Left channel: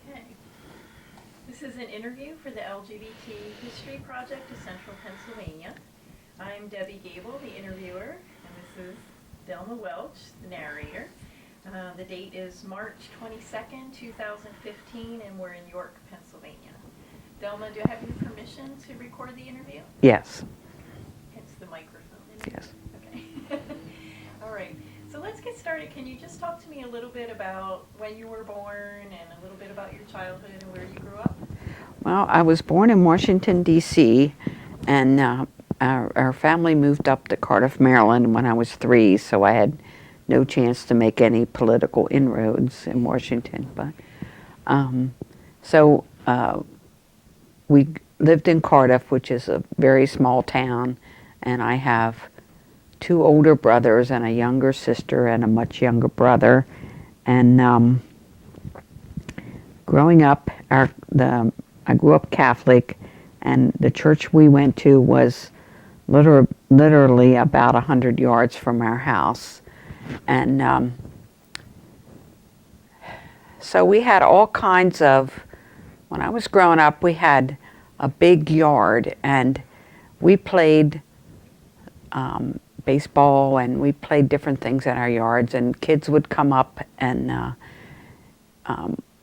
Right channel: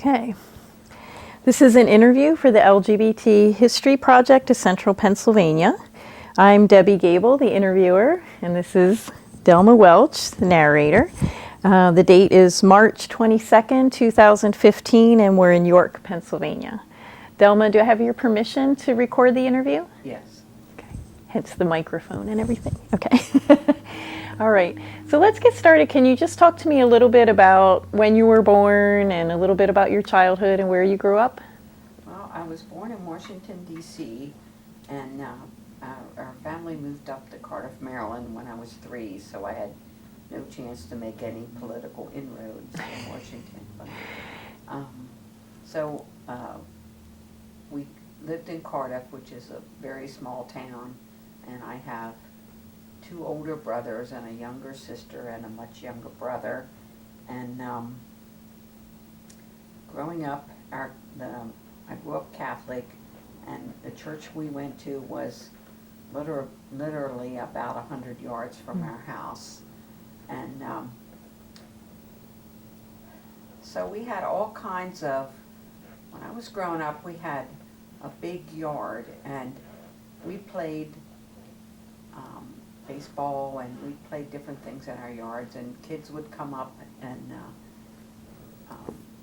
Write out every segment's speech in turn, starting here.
Okay. This is an interview for the LGBT History Project of Central Pennsylvania. I'm Debbie Gable, the interviewer, and this is Delma Welch, the narrator. The date is March 22nd, 2015, and we're in York, Pennsylvania. Delma, do I have your permission to record the interview? Yes. Okay. Hence the microphone and everything. Okay. All right. So let's get started. Can you just talk to me a little bit about when you were born and a little bit about your childhood and where you grew up? Well, I was born in Washington, D.C., and our family moved up to Cardiff, Maryland when I was 3, so I had no chance to make any political inroads in Washington. But we lived in Cardiff, which is a very small town, and I have 2 older brothers and a younger sister and a much younger brother. And growing up, I grew up Catholic, and the church we went to was literally about 100 yards from our house. And so we had all kinds of, when I was growing up, we had a big yard, and we played baseball, and we played different things in our yards, and kids would come up, and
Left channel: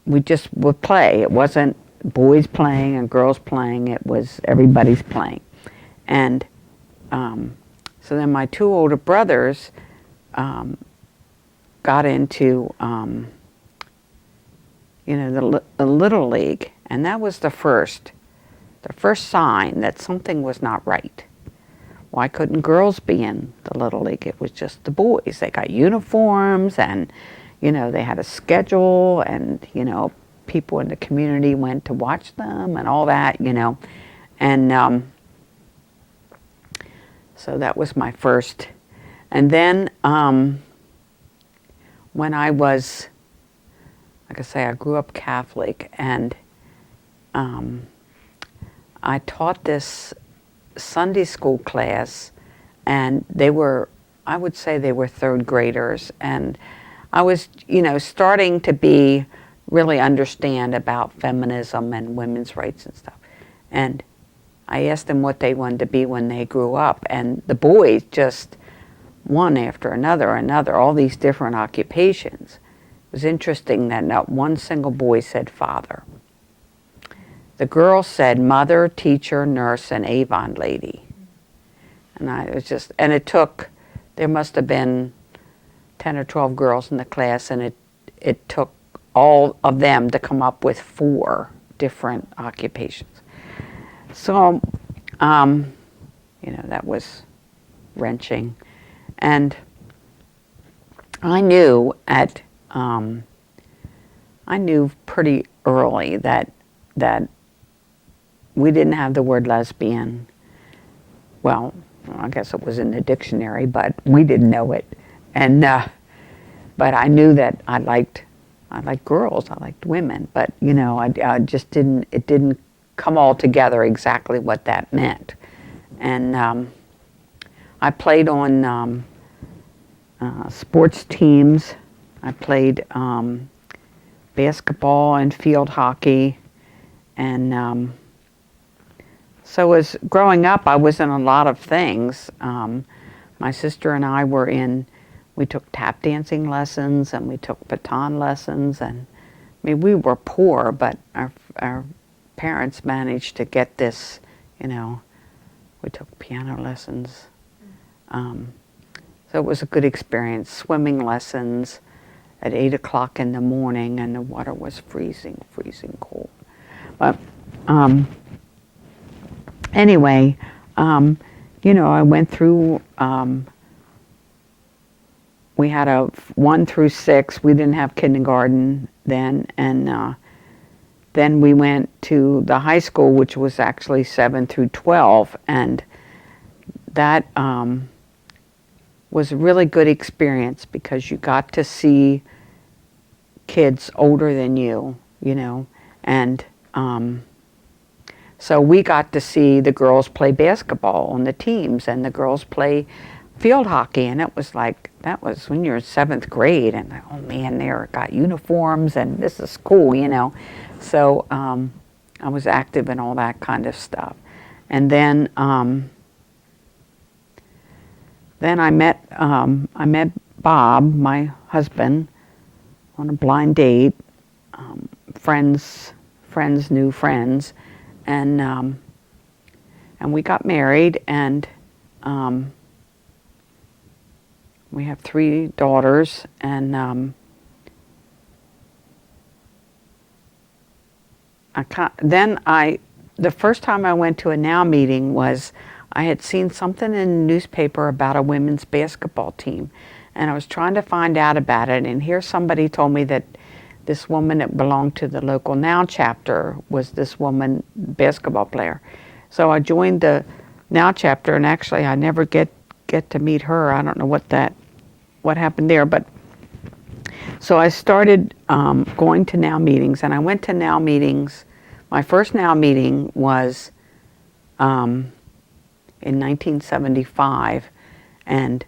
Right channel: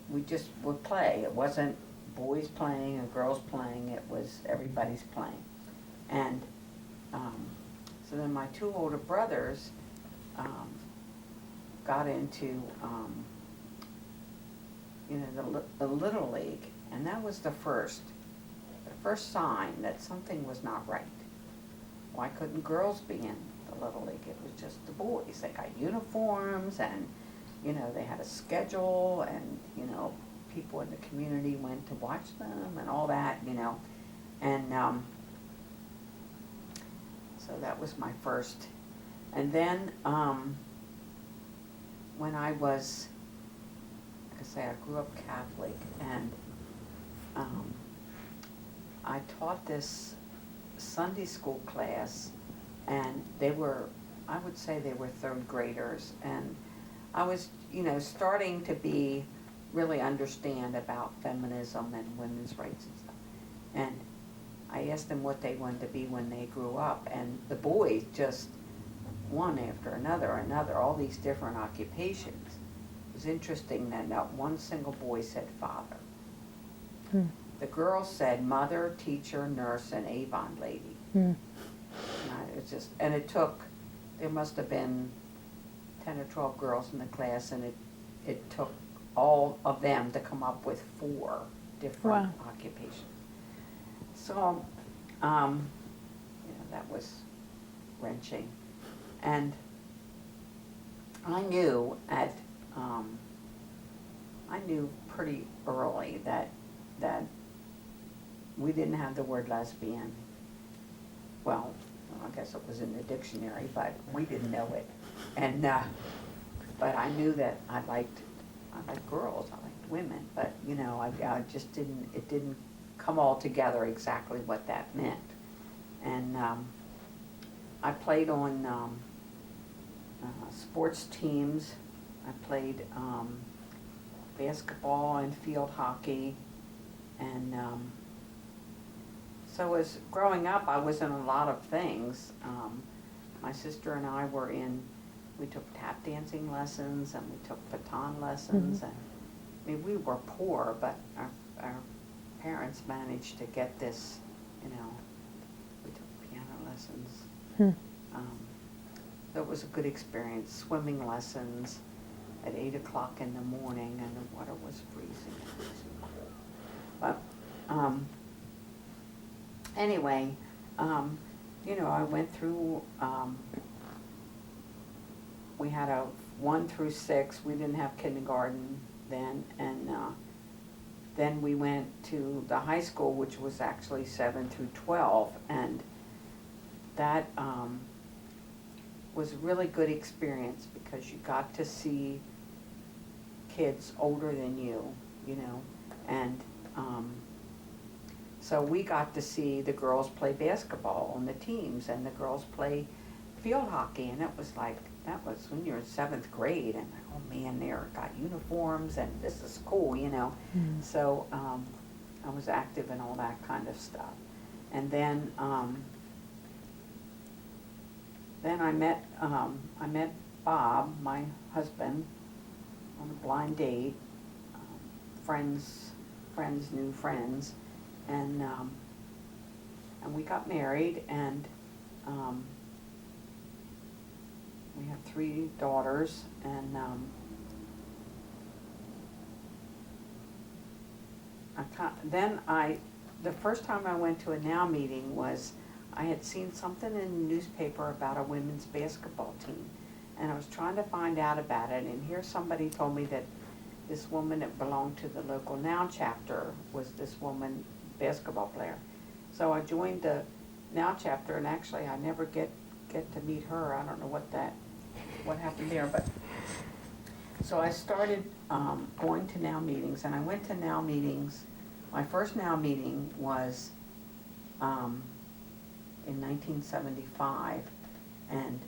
we just would play. It wasn't boys playing and girls playing, it was everybody's playing. And so then my 2 older brothers got into the Little League, and that was the first sign that something was not right. Why couldn't girls be in the Little League? It was just the boys. They got uniforms, and they had a schedule, and people in the community went to watch them and all that, and so that was my first. And then when I was, like I say, I grew up Catholic, and I taught this Sunday school class, and I would say they were 3rd graders, and I was, starting to really understand about feminism and women's rights and stuff. And I asked them what they wanted to be when they grew up, and the boys just one after another, all these different occupations. It was interesting that not one single boy said father. Mm. The girls said mother, teacher, nurse, and Avon lady. Mm. And there must have been 10 or 12 girls in the class, and it took all of them to come up with 4 different occupations. So, that was wrenching. And I knew pretty early that we didn't have the word lesbian. Well, I guess it was in the dictionary, but we didn't know it. And but I knew that I liked girls, I liked women, but I just didn't come all together exactly what that meant. And I played on sports teams. I played basketball and field hockey, and so as growing up, I was in a lot of things. My sister and I we took tap dancing lessons, and we took baton lessons, and we were poor, but our parents managed to get this, we took piano lessons. So it was a good experience. Swimming lessons at 8 o'clock in the morning, and the water was freezing cold. But anyway, I went through, we had a 1 through 6. We didn't have kindergarten then, and then we went to the high school, which was actually 7 through 12, and that was a really good experience because you got to see kids older than you, and so we got to see the girls play basketball on the teams, and the girls play field hockey, and it was like, that was when you're in 7th grade, and oh man, they're got uniforms, and this is cool, you know. So I was active in all that kind of stuff. And then I met Bob, my husband, on a blind date. Friends knew friends, and we got married, and we have 3 daughters, and the first time I went to a NOW meeting was I had seen something in the newspaper about a women's basketball team, and I was trying to find out about it, and here somebody told me that this woman that belonged to the local NOW chapter was this woman basketball player. So I joined the NOW chapter, and actually I never get to meet her. I don't know what happened there, but so I started going to NOW meetings, and I went to NOW meetings. My first NOW meeting was in 1975, and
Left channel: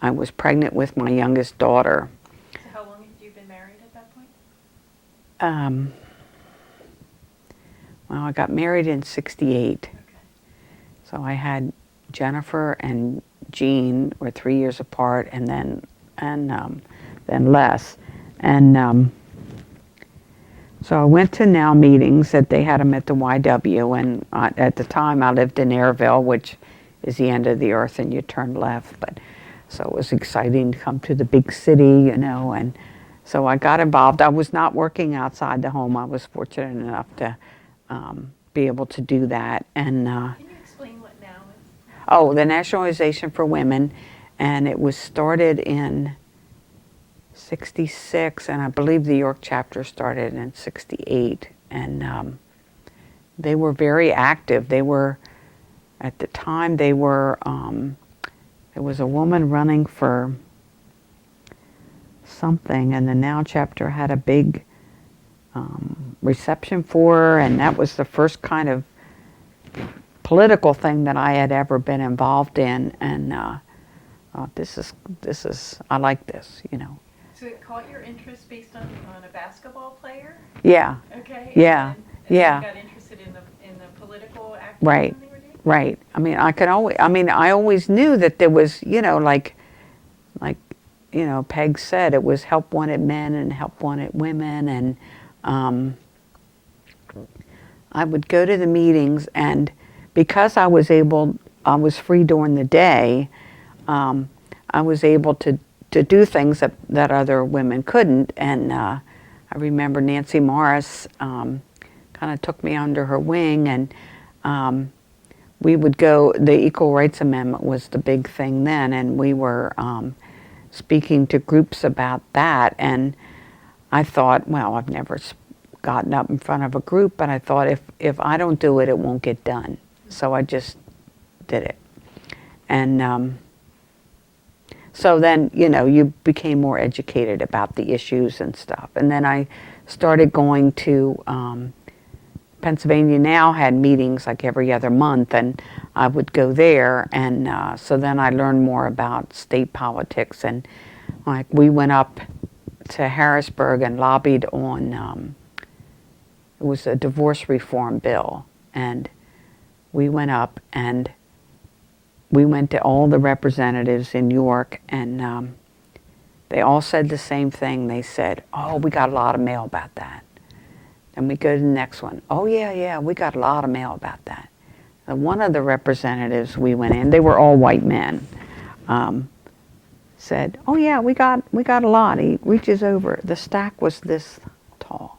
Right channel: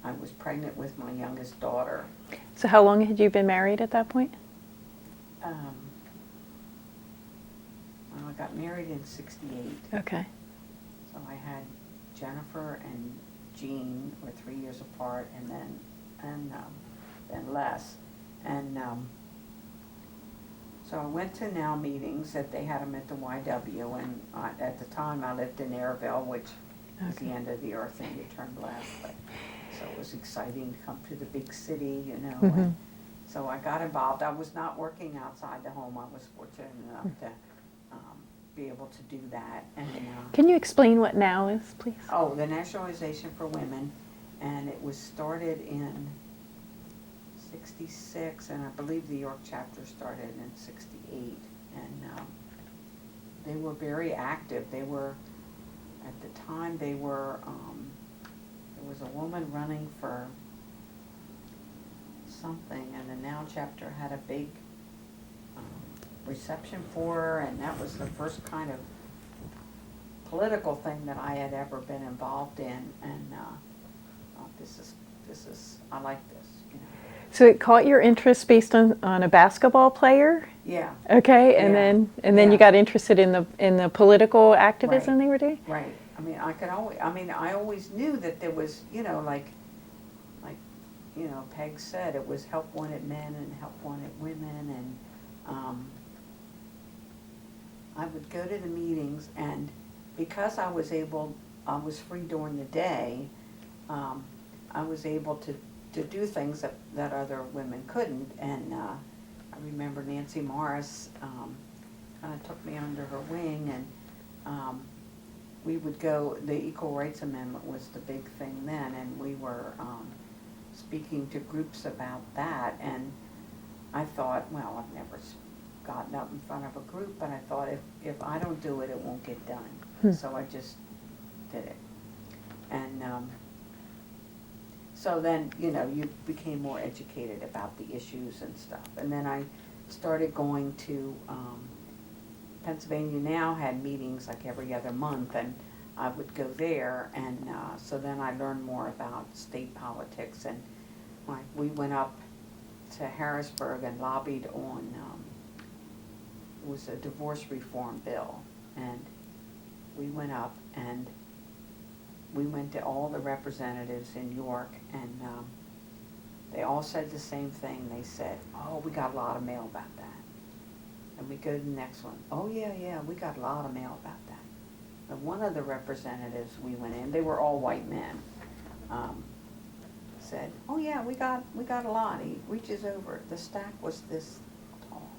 I was pregnant with my youngest daughter. So how long had you been married at that point? Well, I got married in '68. Okay. So I had Jennifer and Jean were 3 years apart, and then Les, and so I went to NOW meetings that they had them at the YW, and at the time I lived in Airville, which is the end of the earth, and you turn left. But so it was exciting to come to the big city, you know, and so I got involved. I was not working outside the home. I was fortunate enough to be able to do that. And Can you explain what NOW is, please? oh, the National Organization for Women, and it was started in '66, and I believe the York chapter started in '68, and they were very active. They were, at the time, there was a woman running for something, and the NOW chapter had a big reception for her, and that was the first kind of political thing that I had ever been involved in, and this is I like this, you know. So it caught your interest based on a basketball player? Yeah. Okay, Yeah. and then Yeah. you got interested in the political activism they were doing? Right. I mean, I always knew that there was, you know, like, you know, Peg said, it was help wanted men and help wanted women, and I would go to the meetings, and because I was free during the day, I was able to do things that other women couldn't, and I remember Nancy Morris kind of took me under her wing, and we would go, the Equal Rights Amendment was the big thing then, and we were speaking to groups about that, and I thought, well, I've never gotten up in front of a group, but I thought if I don't do it, it won't get done. So I just did it. And so then, you know, you became more educated about the issues and stuff. And then I started going to, Pennsylvania Now had meetings like every other month, and I would go there, and so then I learned more about state politics, and like we went up to Harrisburg and lobbied on, it was a divorce reform bill, and we went up and we went to all the representatives in York, and they all said the same thing. They said, oh, we got a lot of mail about that. And we go to the next one. Oh, yeah, we got a lot of mail about that. And one of the representatives we went in, they were all white men, said, oh, yeah, we got a lot. He reaches over. The stack was this tall.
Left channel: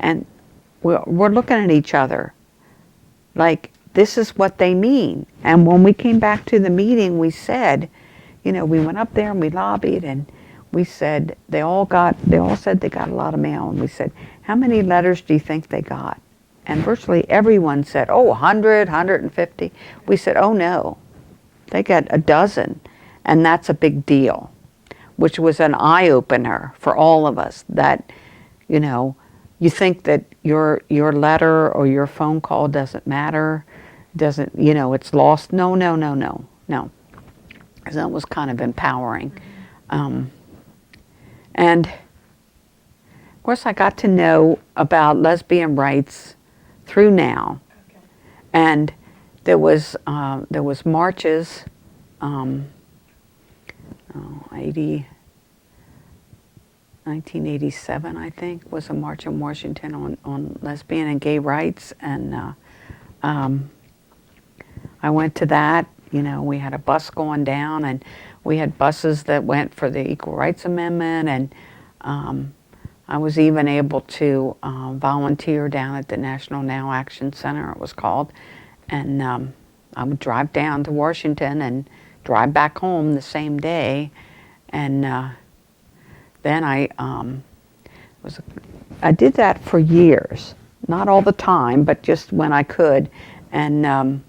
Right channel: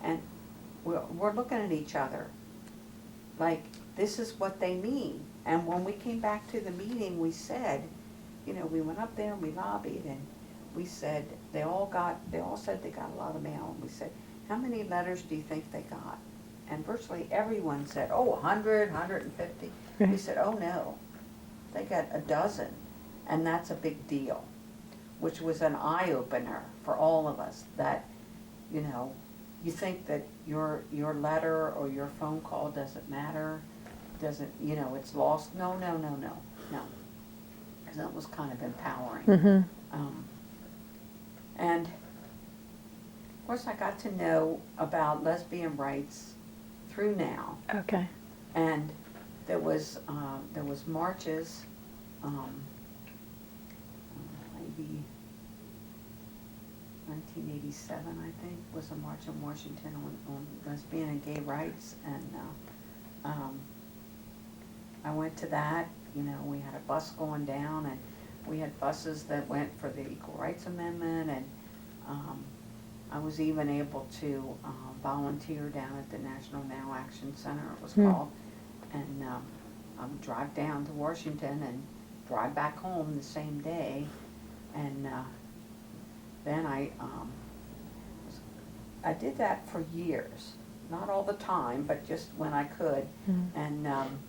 And we're looking at each other like, this is what they mean. And when we came back to the meeting, we said, you know, we went up there and we lobbied, and we said, they all said they got a lot of mail. And we said, how many letters do you think they got? And virtually everyone said, oh, 100, 150. We said, oh no, they got a dozen. And that's a big deal, which was an eye-opener for all of us, that, you know, you think that your letter or your phone call doesn't matter, you know, it's lost. No. So it was kind of empowering. And of course, I got to know about lesbian rights through NOW. Okay. And there was marches, 1987, I think, was a march in Washington on lesbian and gay rights. And I went to that. You know, we had a bus going down, and we had buses that went for the Equal Rights Amendment. And I was even able to volunteer down at the National Now Action Center, it was called. And I would drive down to Washington and drive back home the same day. And then I did that for years. Not all the time, but just when I could. And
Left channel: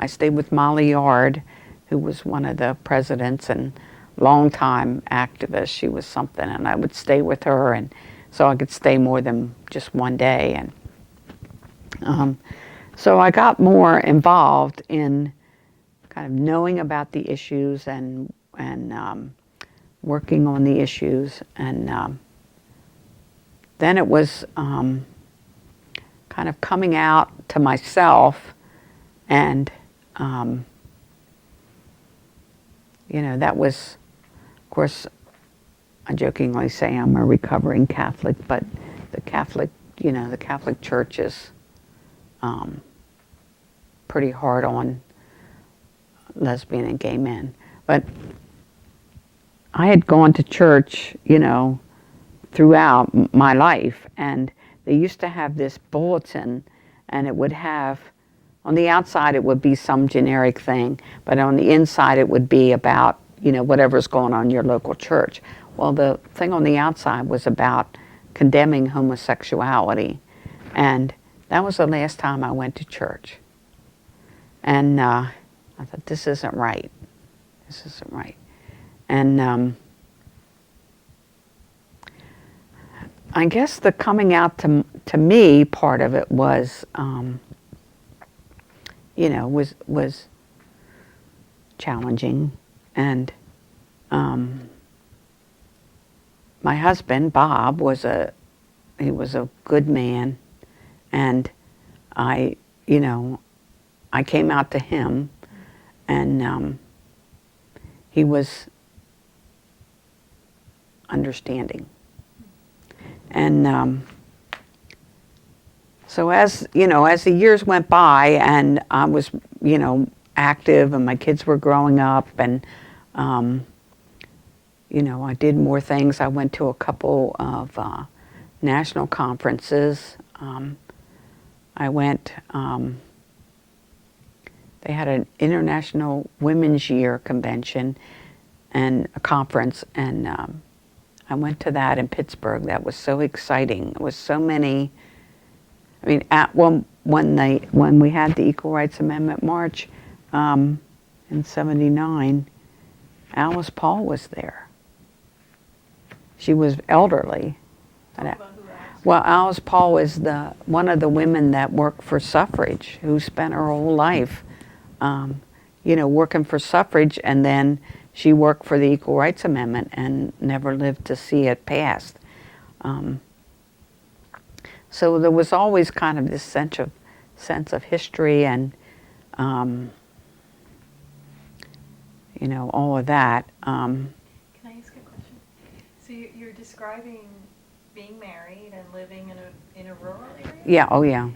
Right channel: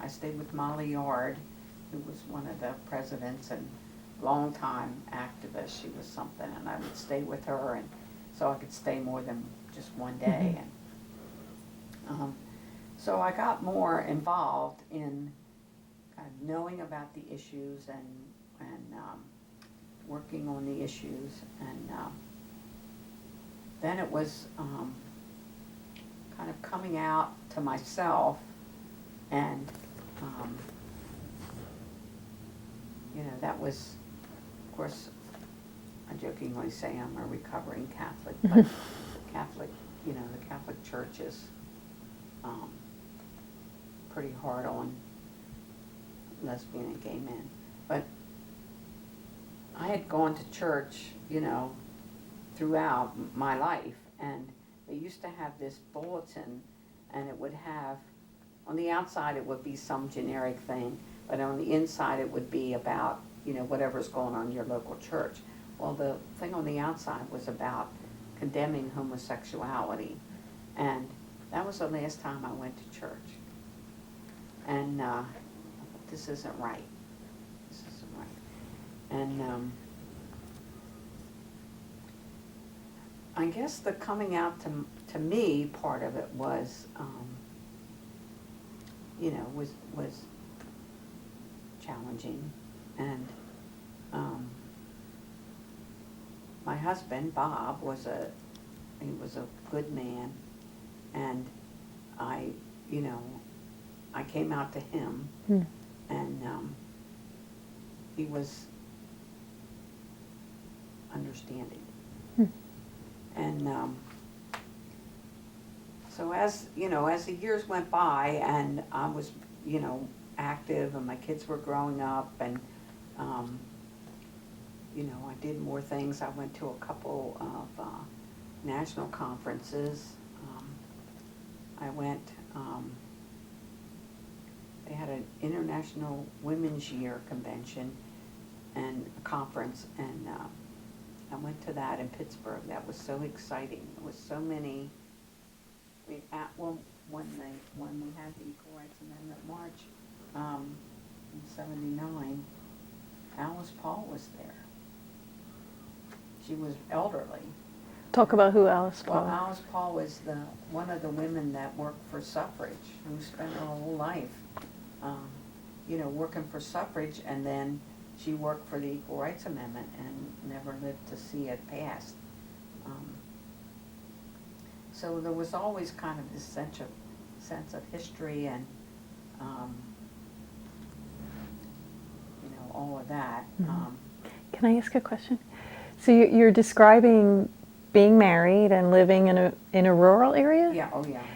I stayed with Molly Yard, who was one of the presidents and longtime activist. She was something, and I would stay with her, and so I could stay more than just one day. And so I got more involved in kind of knowing about the issues and working on the issues. And then it was kind of coming out to myself, and you know, that was, of course, I jokingly say I'm a recovering Catholic, but the Catholic, you know, the Catholic Church is pretty hard on lesbian and gay men. But I had gone to church, you know, throughout my life, and they used to have this bulletin, and it would have, on the outside it would be some generic thing, but on the inside it would be about, you know, whatever's going on in your local church. Well, the thing on the outside was about condemning homosexuality, and that was the last time I went to church. And I thought, this isn't right. This isn't right. And I guess the coming out to me part of it was, you know, was challenging. And my husband, Bob, he was a good man, and I, you know, I came out to him, and he was understanding. And so as, you know, as the years went by and I was, you know, active and my kids were growing up, and you know, I did more things. I went to a couple of national conferences. I went, they had an International Women's Year convention and a conference, and I went to that in Pittsburgh. That was so exciting. There was so many. I mean, when we had the Equal Rights Amendment March in '79, Alice Paul was there. She was elderly. Talk about who Alice Well, Alice Paul was one of the women that worked for suffrage, who spent her whole life, you know, working for suffrage, and then she worked for the Equal Rights Amendment and never lived to see it passed. So there was always kind of this sense of history and, you know, all of that. Can I ask a question? So you're describing being married and living in a rural area? Yeah. Oh, yeah.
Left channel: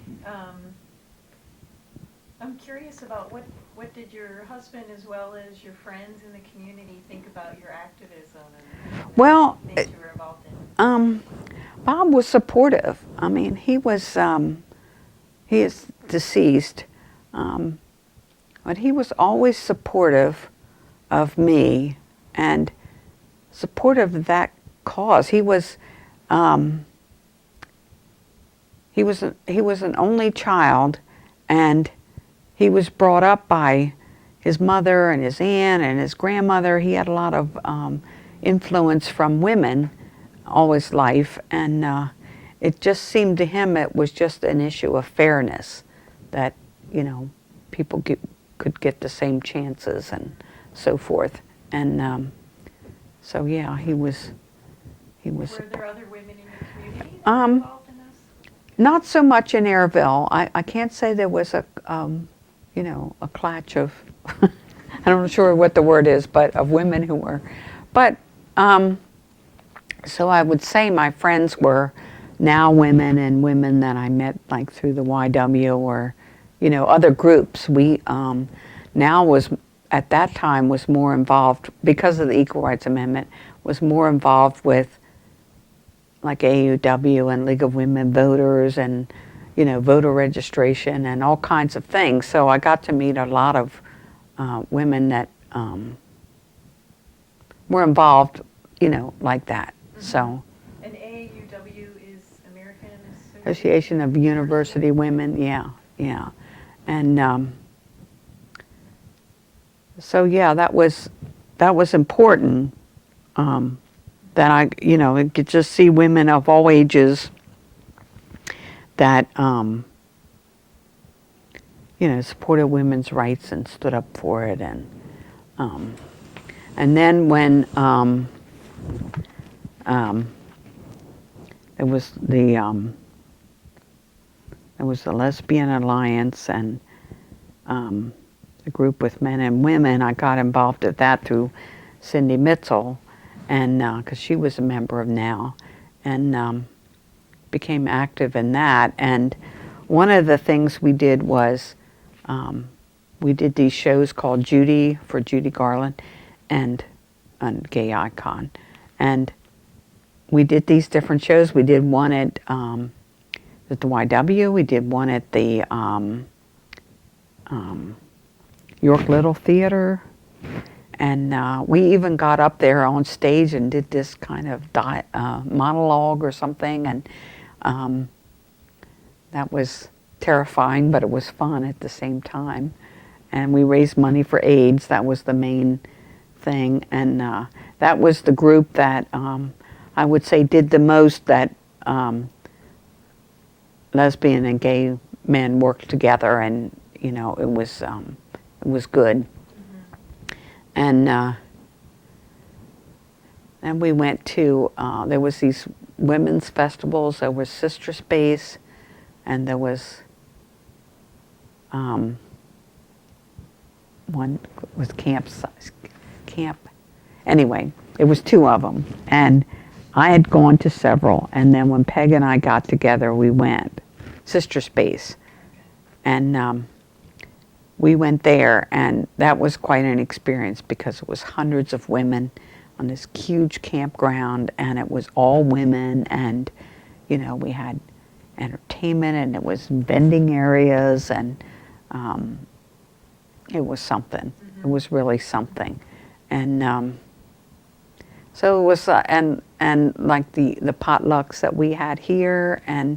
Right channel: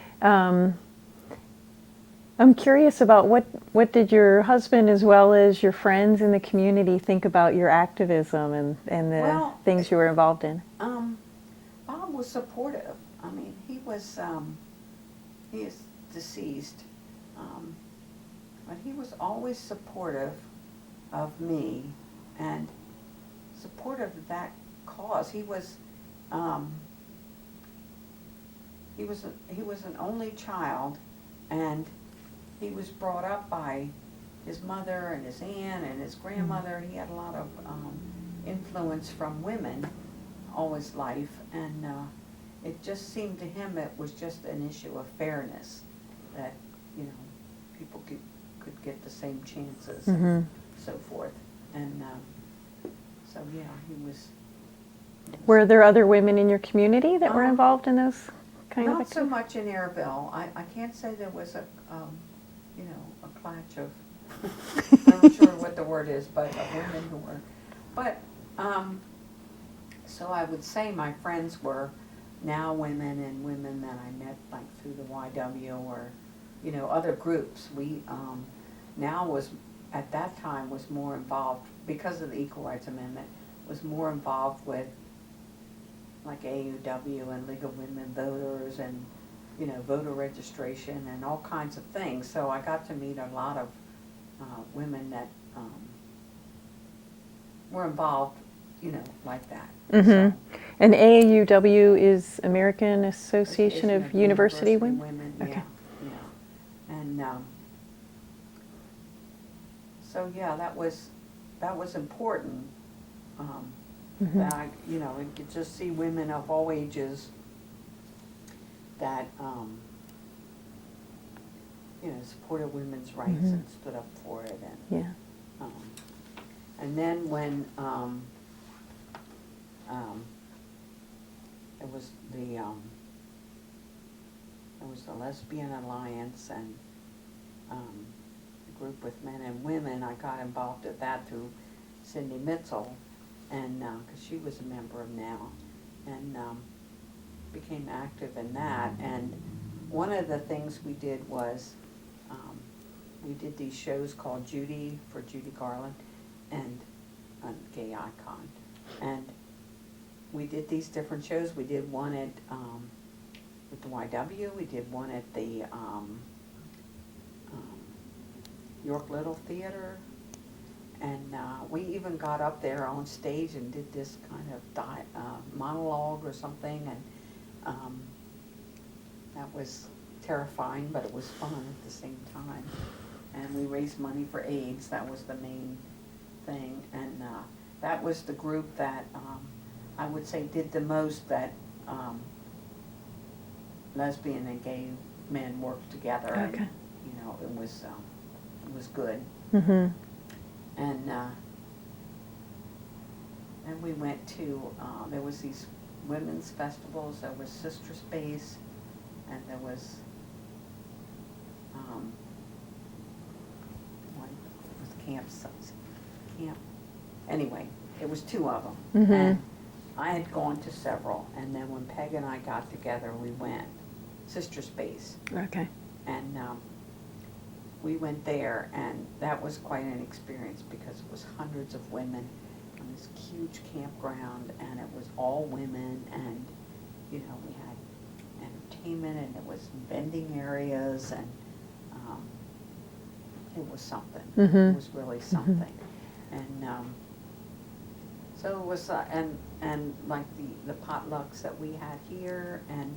I'm curious about what did your husband as well as your friends in the community think about your activism and the things you were involved in? Bob was supportive. I mean, he is deceased, but he was always supportive of me and supportive of that cause. He was an only child, and he was brought up by his mother and his aunt and his grandmother. He had a lot of influence from women all his life, and it just seemed to him it was just an issue of fairness, that, you know, people could get the same chances and so forth. And so yeah, he was. Were there other women in your community that were involved in those? Not so much in Airville. I can't say there was a, you know, a clutch of, I'm not sure what the word is, but of women who were. But, so I would say my friends were now women and women that I met like through the YW or, you know, other groups. We now was, at that time, was more involved, because of the Equal Rights Amendment, was more involved with like AUW and League of Women Voters and, you know, voter registration and all kinds of things. So I got to meet a lot of women that were involved, you know, like that. So. And AUW is American Association of University Women. Yeah, yeah. And so yeah, that was important. That I, you know, could just see women of all ages that, you know, supported women's rights and stood up for it. And then when it was the Lesbian Alliance and a group with men and women, I got involved with that through Cindy Mitzel. And because she was a member of NOW, and became active in that. And one of the things we did was we did these shows called Judy for Judy Garland and Gay Icon. And we did these different shows. We did one at the YW. We did one at the York Little Theater. And we even got up there on stage and did this kind of monologue or something, and that was terrifying, but it was fun at the same time. And we raised money for AIDS. That was the main thing, and that was the group that I would say did the most that lesbian and gay men worked together, and you know, it was good. And then we went to, there was these women's festivals. There was Sister Space, and there was one was camp. Anyway, it was two of them, and I had gone to several. And then when Peg and I got together, we went Sister Space. Okay. And we went there, and that was quite an experience because it was hundreds of women on this huge campground, and it was all women, and you know, we had entertainment, and it was vending areas, and it was something. It was really something. And so it was, and like the potlucks that we had here, and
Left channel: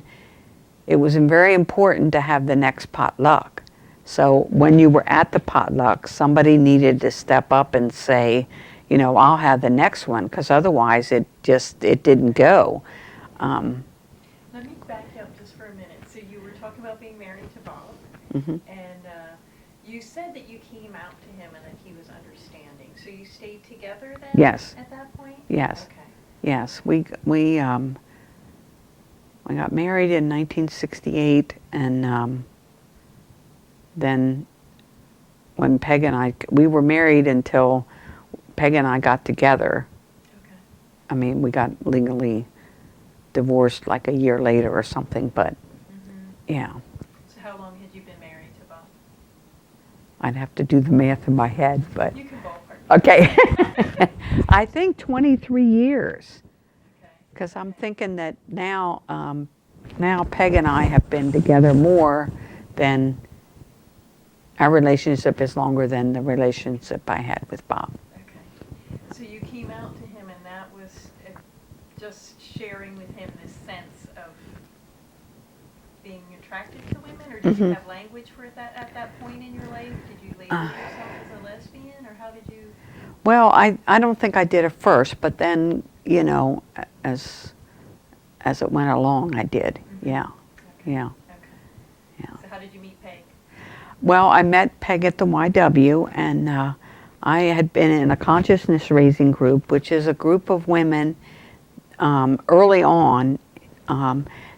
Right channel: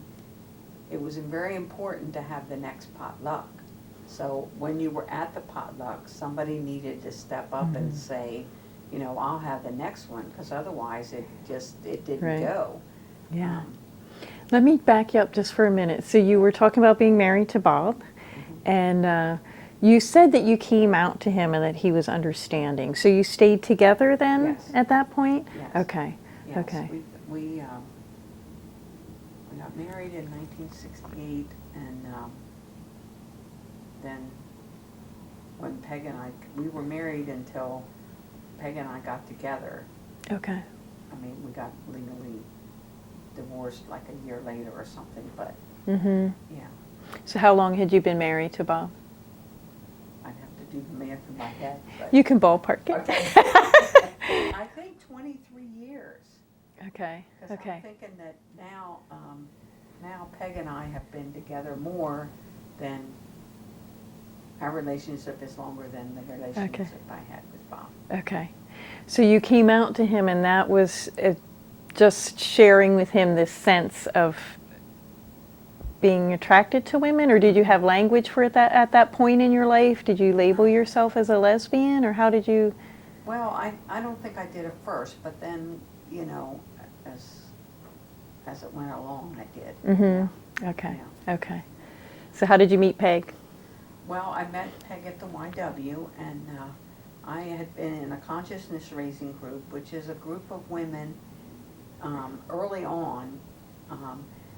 it was very important to have the next potluck. So when you were at the potluck, somebody needed to step up and say, you know, I'll have the next one, because otherwise it didn't go. Yeah. Let me back you up just for a minute. So you were talking about being married to Bob, and you said that you came out to him and that he was understanding. So you stayed together then? Yes. At that point? Yes. Okay. Yes. Okay. We got married in 1968, and then when Peg and I, we were married until Peg and I got together. Okay. I mean, we got legally divorced like a year later or something, but yeah. So how long had you been married to Bob? I'd have to do the math in my head, but. You can ballpark it. Okay. I think 23 years. Okay. Because okay. I'm thinking that now, now Peg and I have been together more than, our relationship is longer than the relationship I had with Bob. Okay. So you came out to him, and that was just sharing with him this sense of being attracted to women, or did you have language for it at that point in your life? Did you label yourself as a lesbian, or how did you? Well, I don't think I did at first, but then, you know, as it went along, I did. Yeah. Okay. Yeah. Okay. Yeah. So how did you meet Peg? Well, I met Peg at the YW, and I had been in a consciousness raising group, which is a group of women early on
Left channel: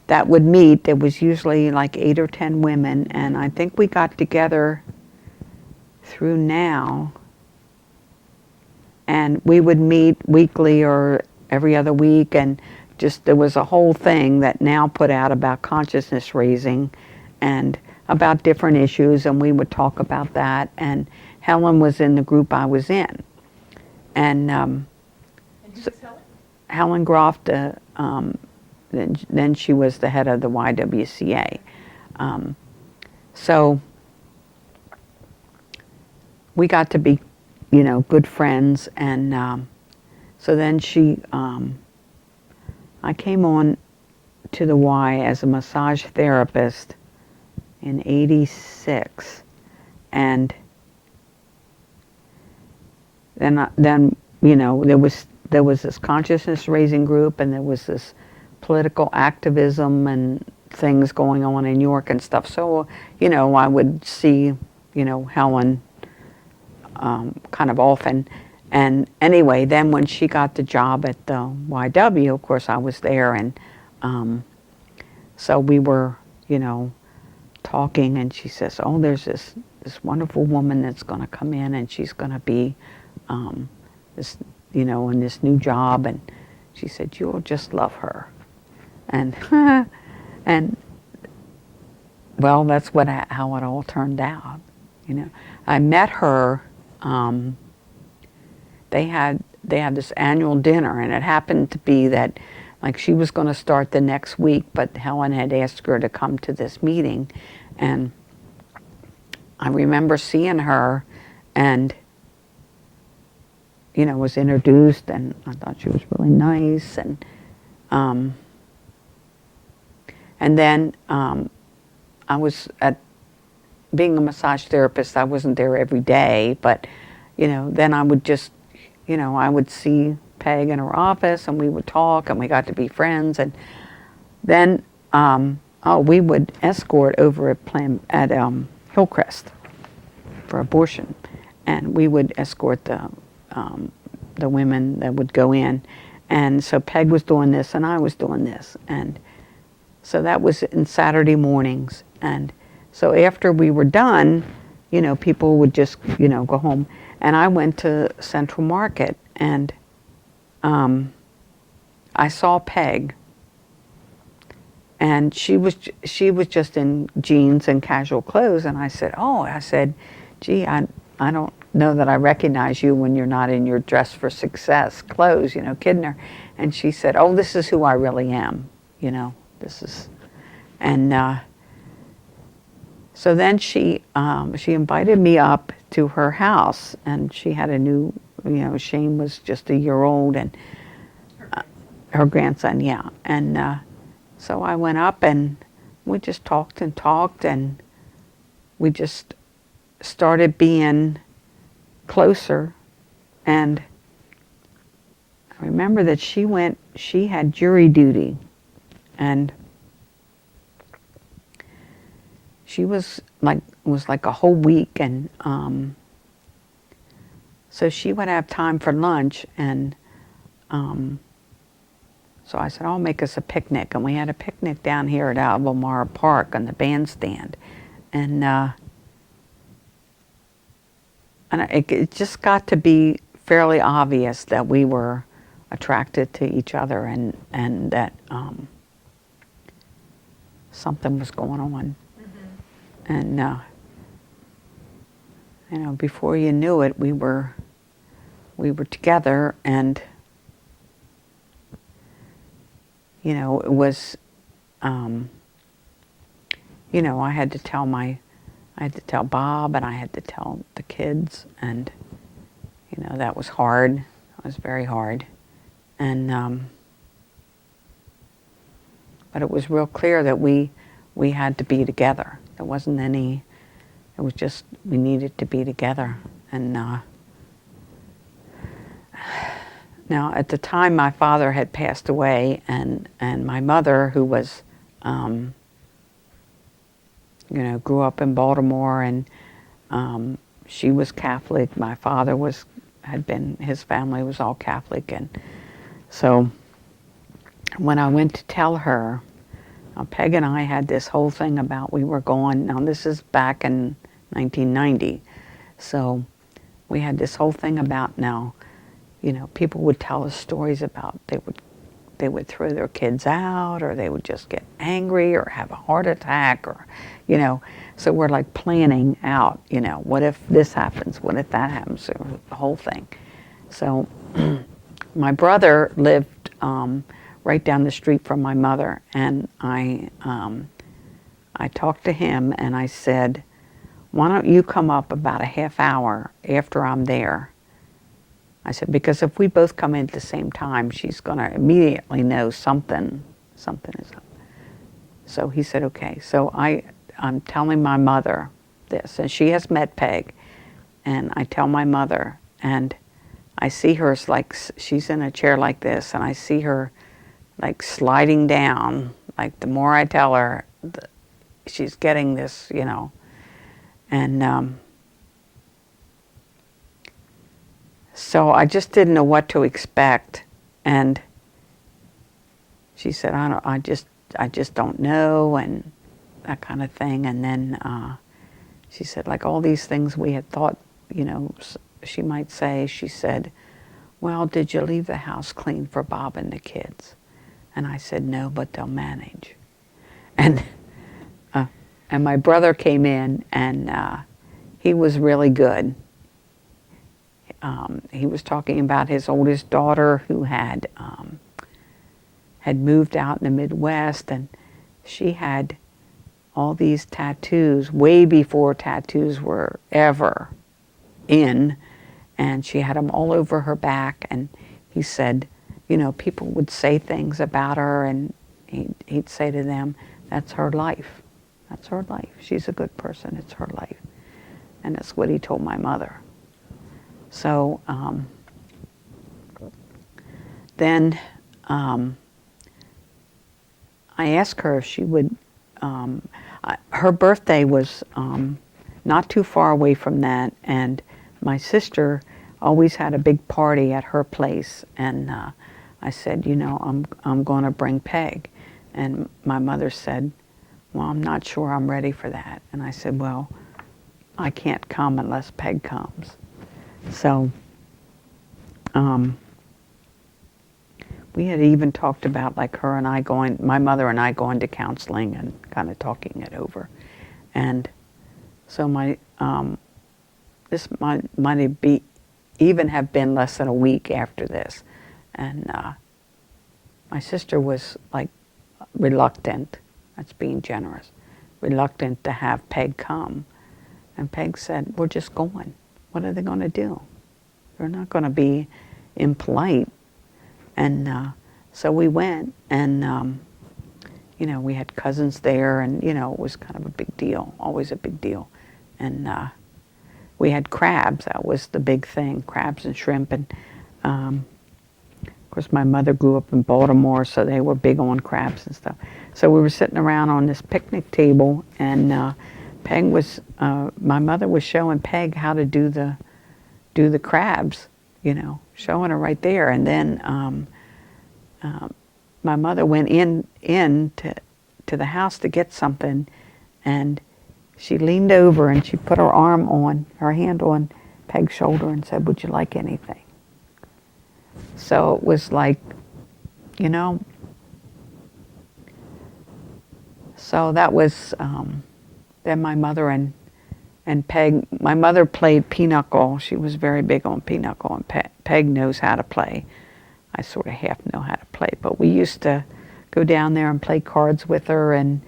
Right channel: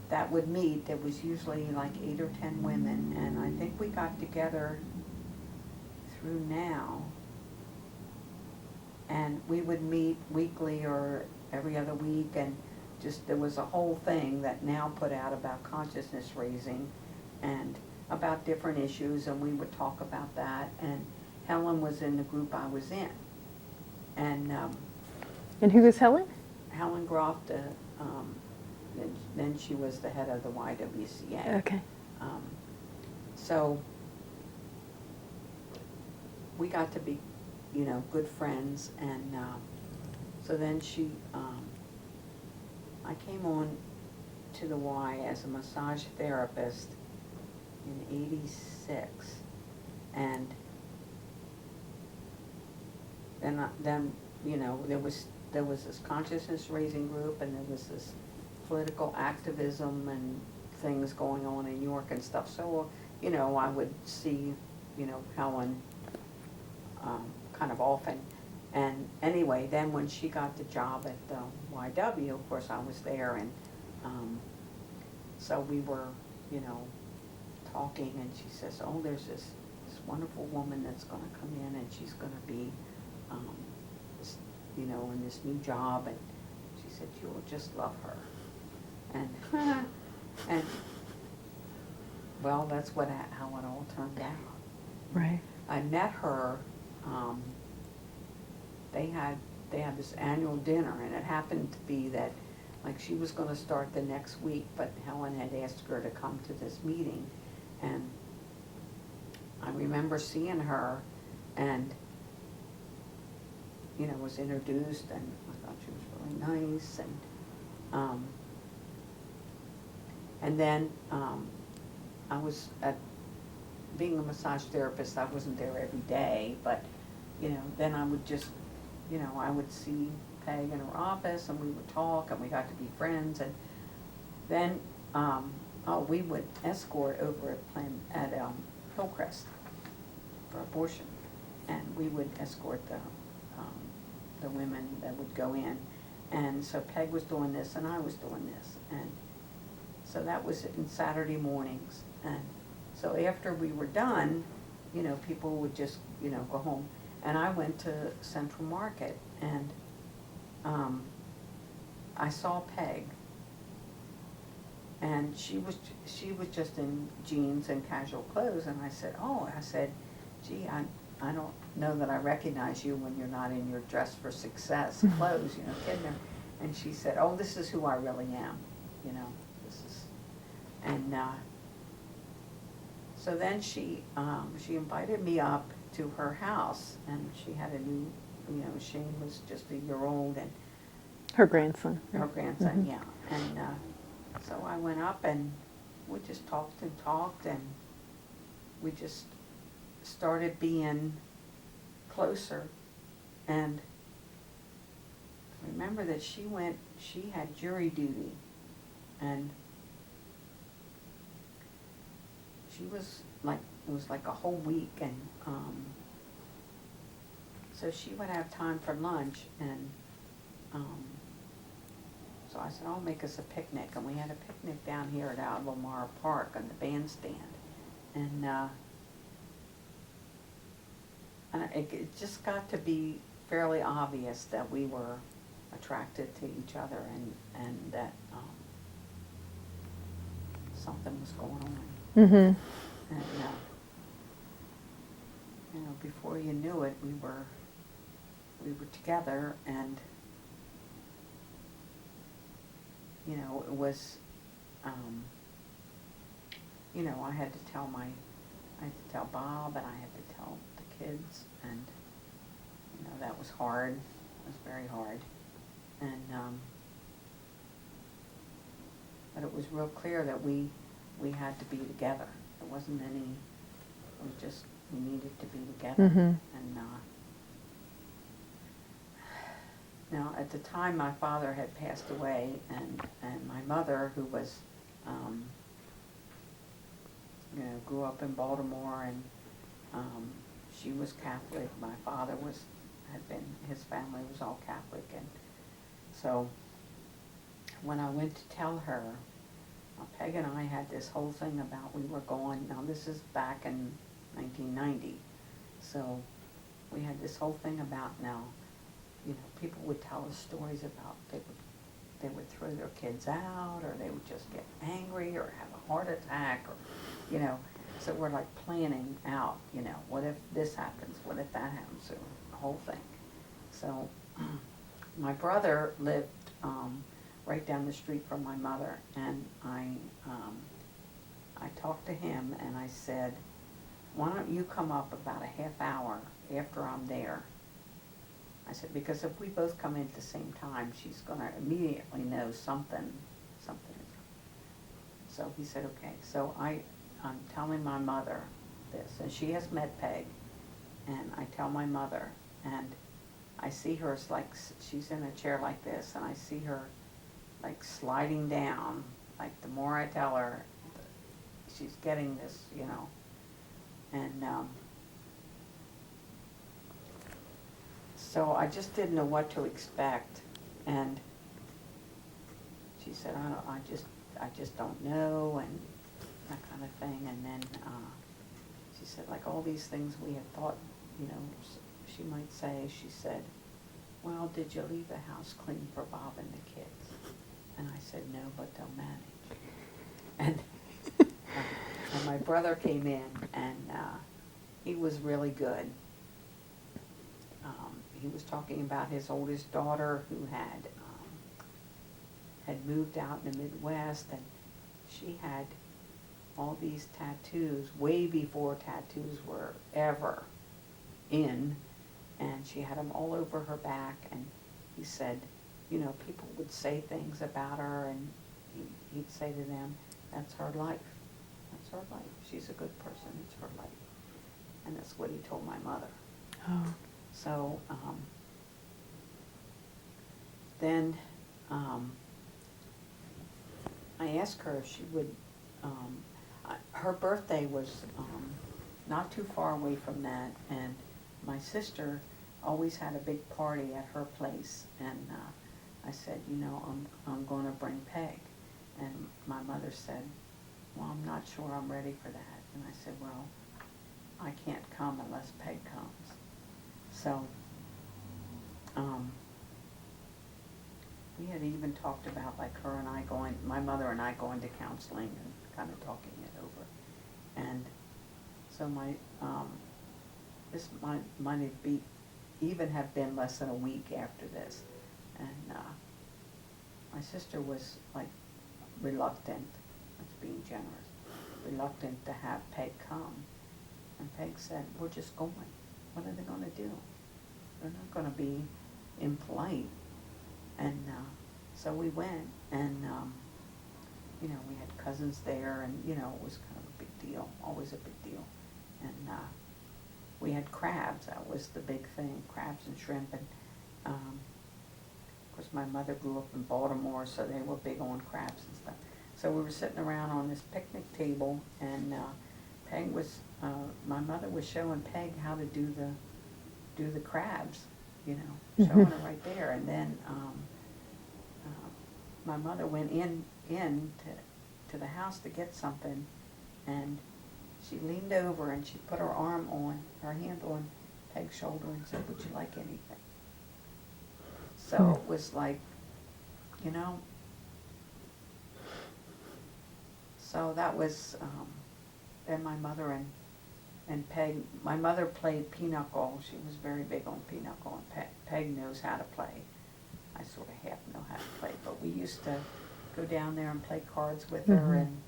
that would meet. There was usually like 8 or 10 women, and I think we got together through now, and we would meet weekly or every other week, and just there was a whole thing that now put out about consciousness raising and about different issues, and we would talk about that. And Helen was in the group I was in, and who was Helen? Helen Groff, then she was the head of the YWCA. Okay. So we got to be, good friends, and so then I came on to the Y as a massage therapist in '86, and then there was this consciousness raising group, and there was this political activism and things going on in New York and stuff. So I would see Helen kind of often. And anyway, then when she got the job at the YW, of course I was there, and so we were talking, and she says, oh, there's this wonderful woman that's going to come in, and she's going to be this in this new job, and she said, you'll just love her. And and well, that's how it all turned out. Right. I met her. They had this annual dinner, and it happened to be that like she was going to start the next week, but Helen had asked her to come to this meeting, and I remember seeing her, and was introduced, and I thought she was really nice, and then I was being a massage therapist. I wasn't there every day, but then I would just I would see Peg in her office, and we would talk, and we got to be friends, and then we would escort over at Hillcrest for abortion, and we would escort the women that would go in, and so Peg was doing this, and I was doing this, and so that was in Saturday mornings, and so after we were done, people would just go home, and I went to Central Market, and I saw Peg, and she was just in jeans and casual clothes, and I said, gee, I don't know that I recognize you when you're not in your dress for success clothes, kidding her. And she said, oh, this is who I really am, this is, and so then she invited me up to her house, and she had a new, Shane was just a year old, and Her grandson. her grandson, yeah. And so I went up, and we just talked, and we just started being closer. And I remember that she had jury duty, and she was like a whole week, and so she would have time for lunch, and so I said, I'll make us a picnic, and we had a picnic down here at Albemarle Park on the bandstand, and it just got to be fairly obvious that we were attracted to each other, and that something was going on. Mm-hmm. And before you knew it, we were together, and it was I had to tell Bob, and I had to tell the kids, and that was hard. It was very hard, and but it was real clear that we had to be together. There wasn't any. It was just we needed to be together. Mm-hmm. And now at the time my father had passed away, and my mother, who was grew up in Baltimore, and she was Catholic. My father his family was all Catholic. And so when I went to tell her, Peg and I had this whole thing about we were going, now this is back in 1990. So we had this whole thing about now, people would tell us stories about they would throw their kids out, or they would just get angry or have a heart attack, or so we're like planning out, what if this happens, what if that happens, or the whole thing. So my brother lived right down the street from my mother, and I talked to him and I said, why don't you come up about a half hour after I'm there? I said, because if we both come in at the same time, she's going to immediately know something is up. So he said, okay. So I'm telling my mother this, and she has met Peg, and I tell my mother, and I see her like she's in a chair like this, and I see her like sliding down. Like the more I tell her, she's getting this, and so I just didn't know what to expect, and she said, I just don't know, and that kind of thing. And then she said, like all these things we had thought, she might say, she said, well, did you leave the house clean for Bob and the kids? And I said, no, but they'll manage. And and my brother came in, and he was really good. He was talking about his oldest daughter who had moved out in the Midwest, and she had all these tattoos way before tattoos were ever in, and she had them all over her back. And he said, people would say things about her, and he'd say to them, that's her life. That's her life. She's a good person. It's her life. And that's what he told my mother. Oh. So then I asked her if she would, her birthday was not too far away from that, and my sister always had a big party at her place, and I said, I'm going to bring Peg. And my mother said, well, I'm not sure I'm ready for that. And I said, well, I can't come unless Peg comes. So we had even talked about like my mother and I going to counseling and kind of talking it over. And so this might even have been less than a week after this. And my sister was like reluctant, that's being generous, reluctant to have Peg come. And Peg said, we're just going. What are they going to do? They're not going to be impolite. And so we went, and we had cousins there, and it was kind of a big deal, always a big deal. And we had crabs. That was the big thing, crabs and shrimp. And of course, my mother grew up in Baltimore, so they were big on crabs and stuff. So we were sitting around on this picnic table, and my mother was showing Peg how to do the crabs, showing her right there. And then my mother went in to the house to get something, and she leaned over and she put her hand on Peg's shoulder and said, would you like anything? So it was like, so that was, then my mother and Peg, my mother played pinochle. She was very big on pinochle, and Peg knows how to play. I sort of half know how to play, but we used to go down there and play cards with her, and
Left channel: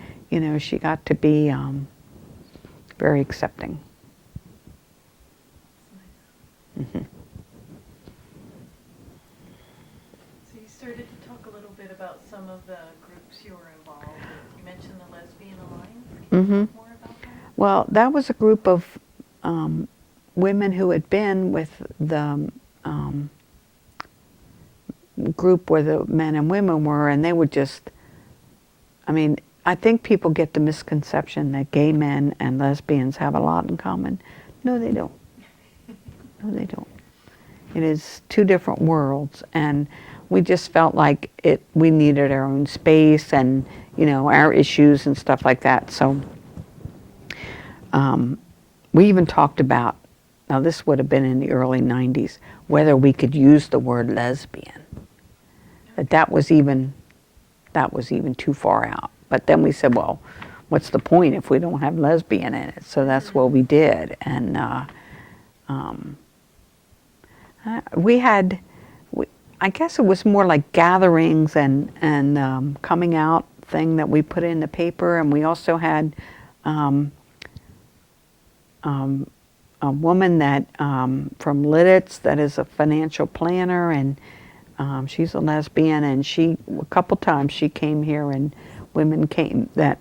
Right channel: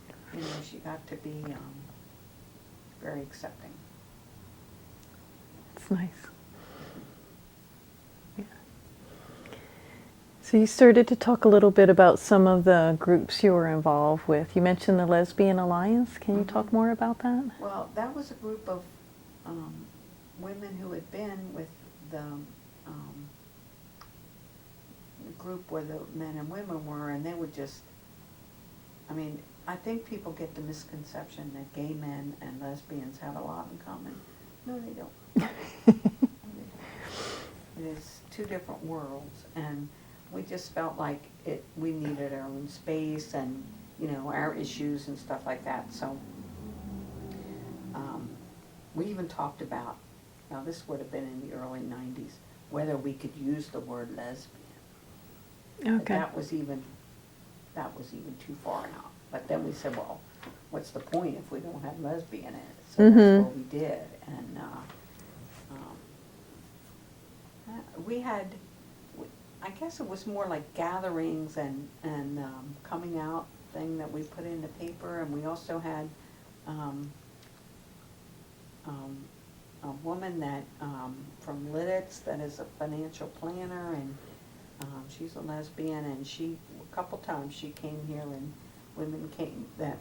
she got to be very accepting. That's nice. Mm-hmm. Yeah. So you started to talk a little bit about some of the groups you were involved with. You mentioned the Lesbian Alliance. Can you talk more about that? Well, that was a group of women who had been with the group where the men and women were, and they were just, I think people get the misconception that gay men and lesbians have a lot in common. No, they don't. No, they don't. It is two different worlds, and we just felt like we needed our own space and, our issues and stuff like that. So we even talked about, now this would have been in the early 90s, whether we could use the word lesbian. Okay. But that was even too far out. But then we said, well, what's the point if we don't have lesbian in it? So that's what we did. And I guess it was more like gatherings and coming out thing that we put in the paper. And we also had a woman that from Lidditz that is a financial planner, and she's a lesbian, and a couple times she came here and women came that,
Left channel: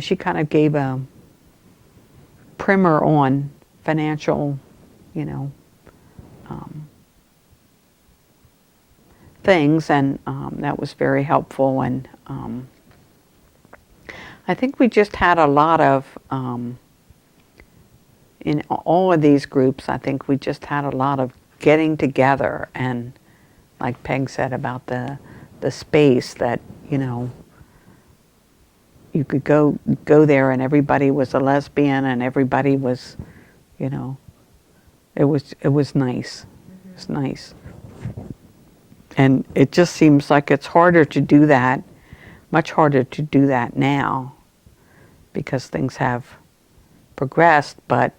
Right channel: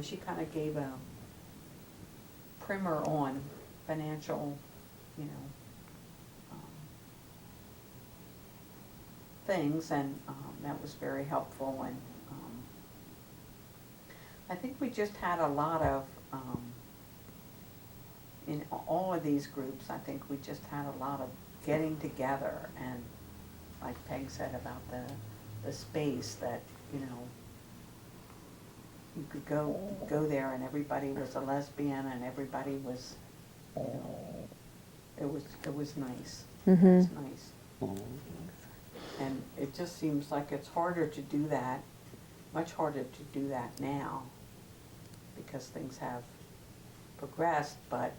she kind of gave a primer on financial, things, and that was very helpful. And I think we just had a lot of, in all of these groups, I think we just had a lot of getting together, and like Peg said about the space that, you could go there and everybody was a lesbian and everybody was, it was nice. It was nice. And it just seems like it's harder to do that, much harder to do that now, because things have progressed. But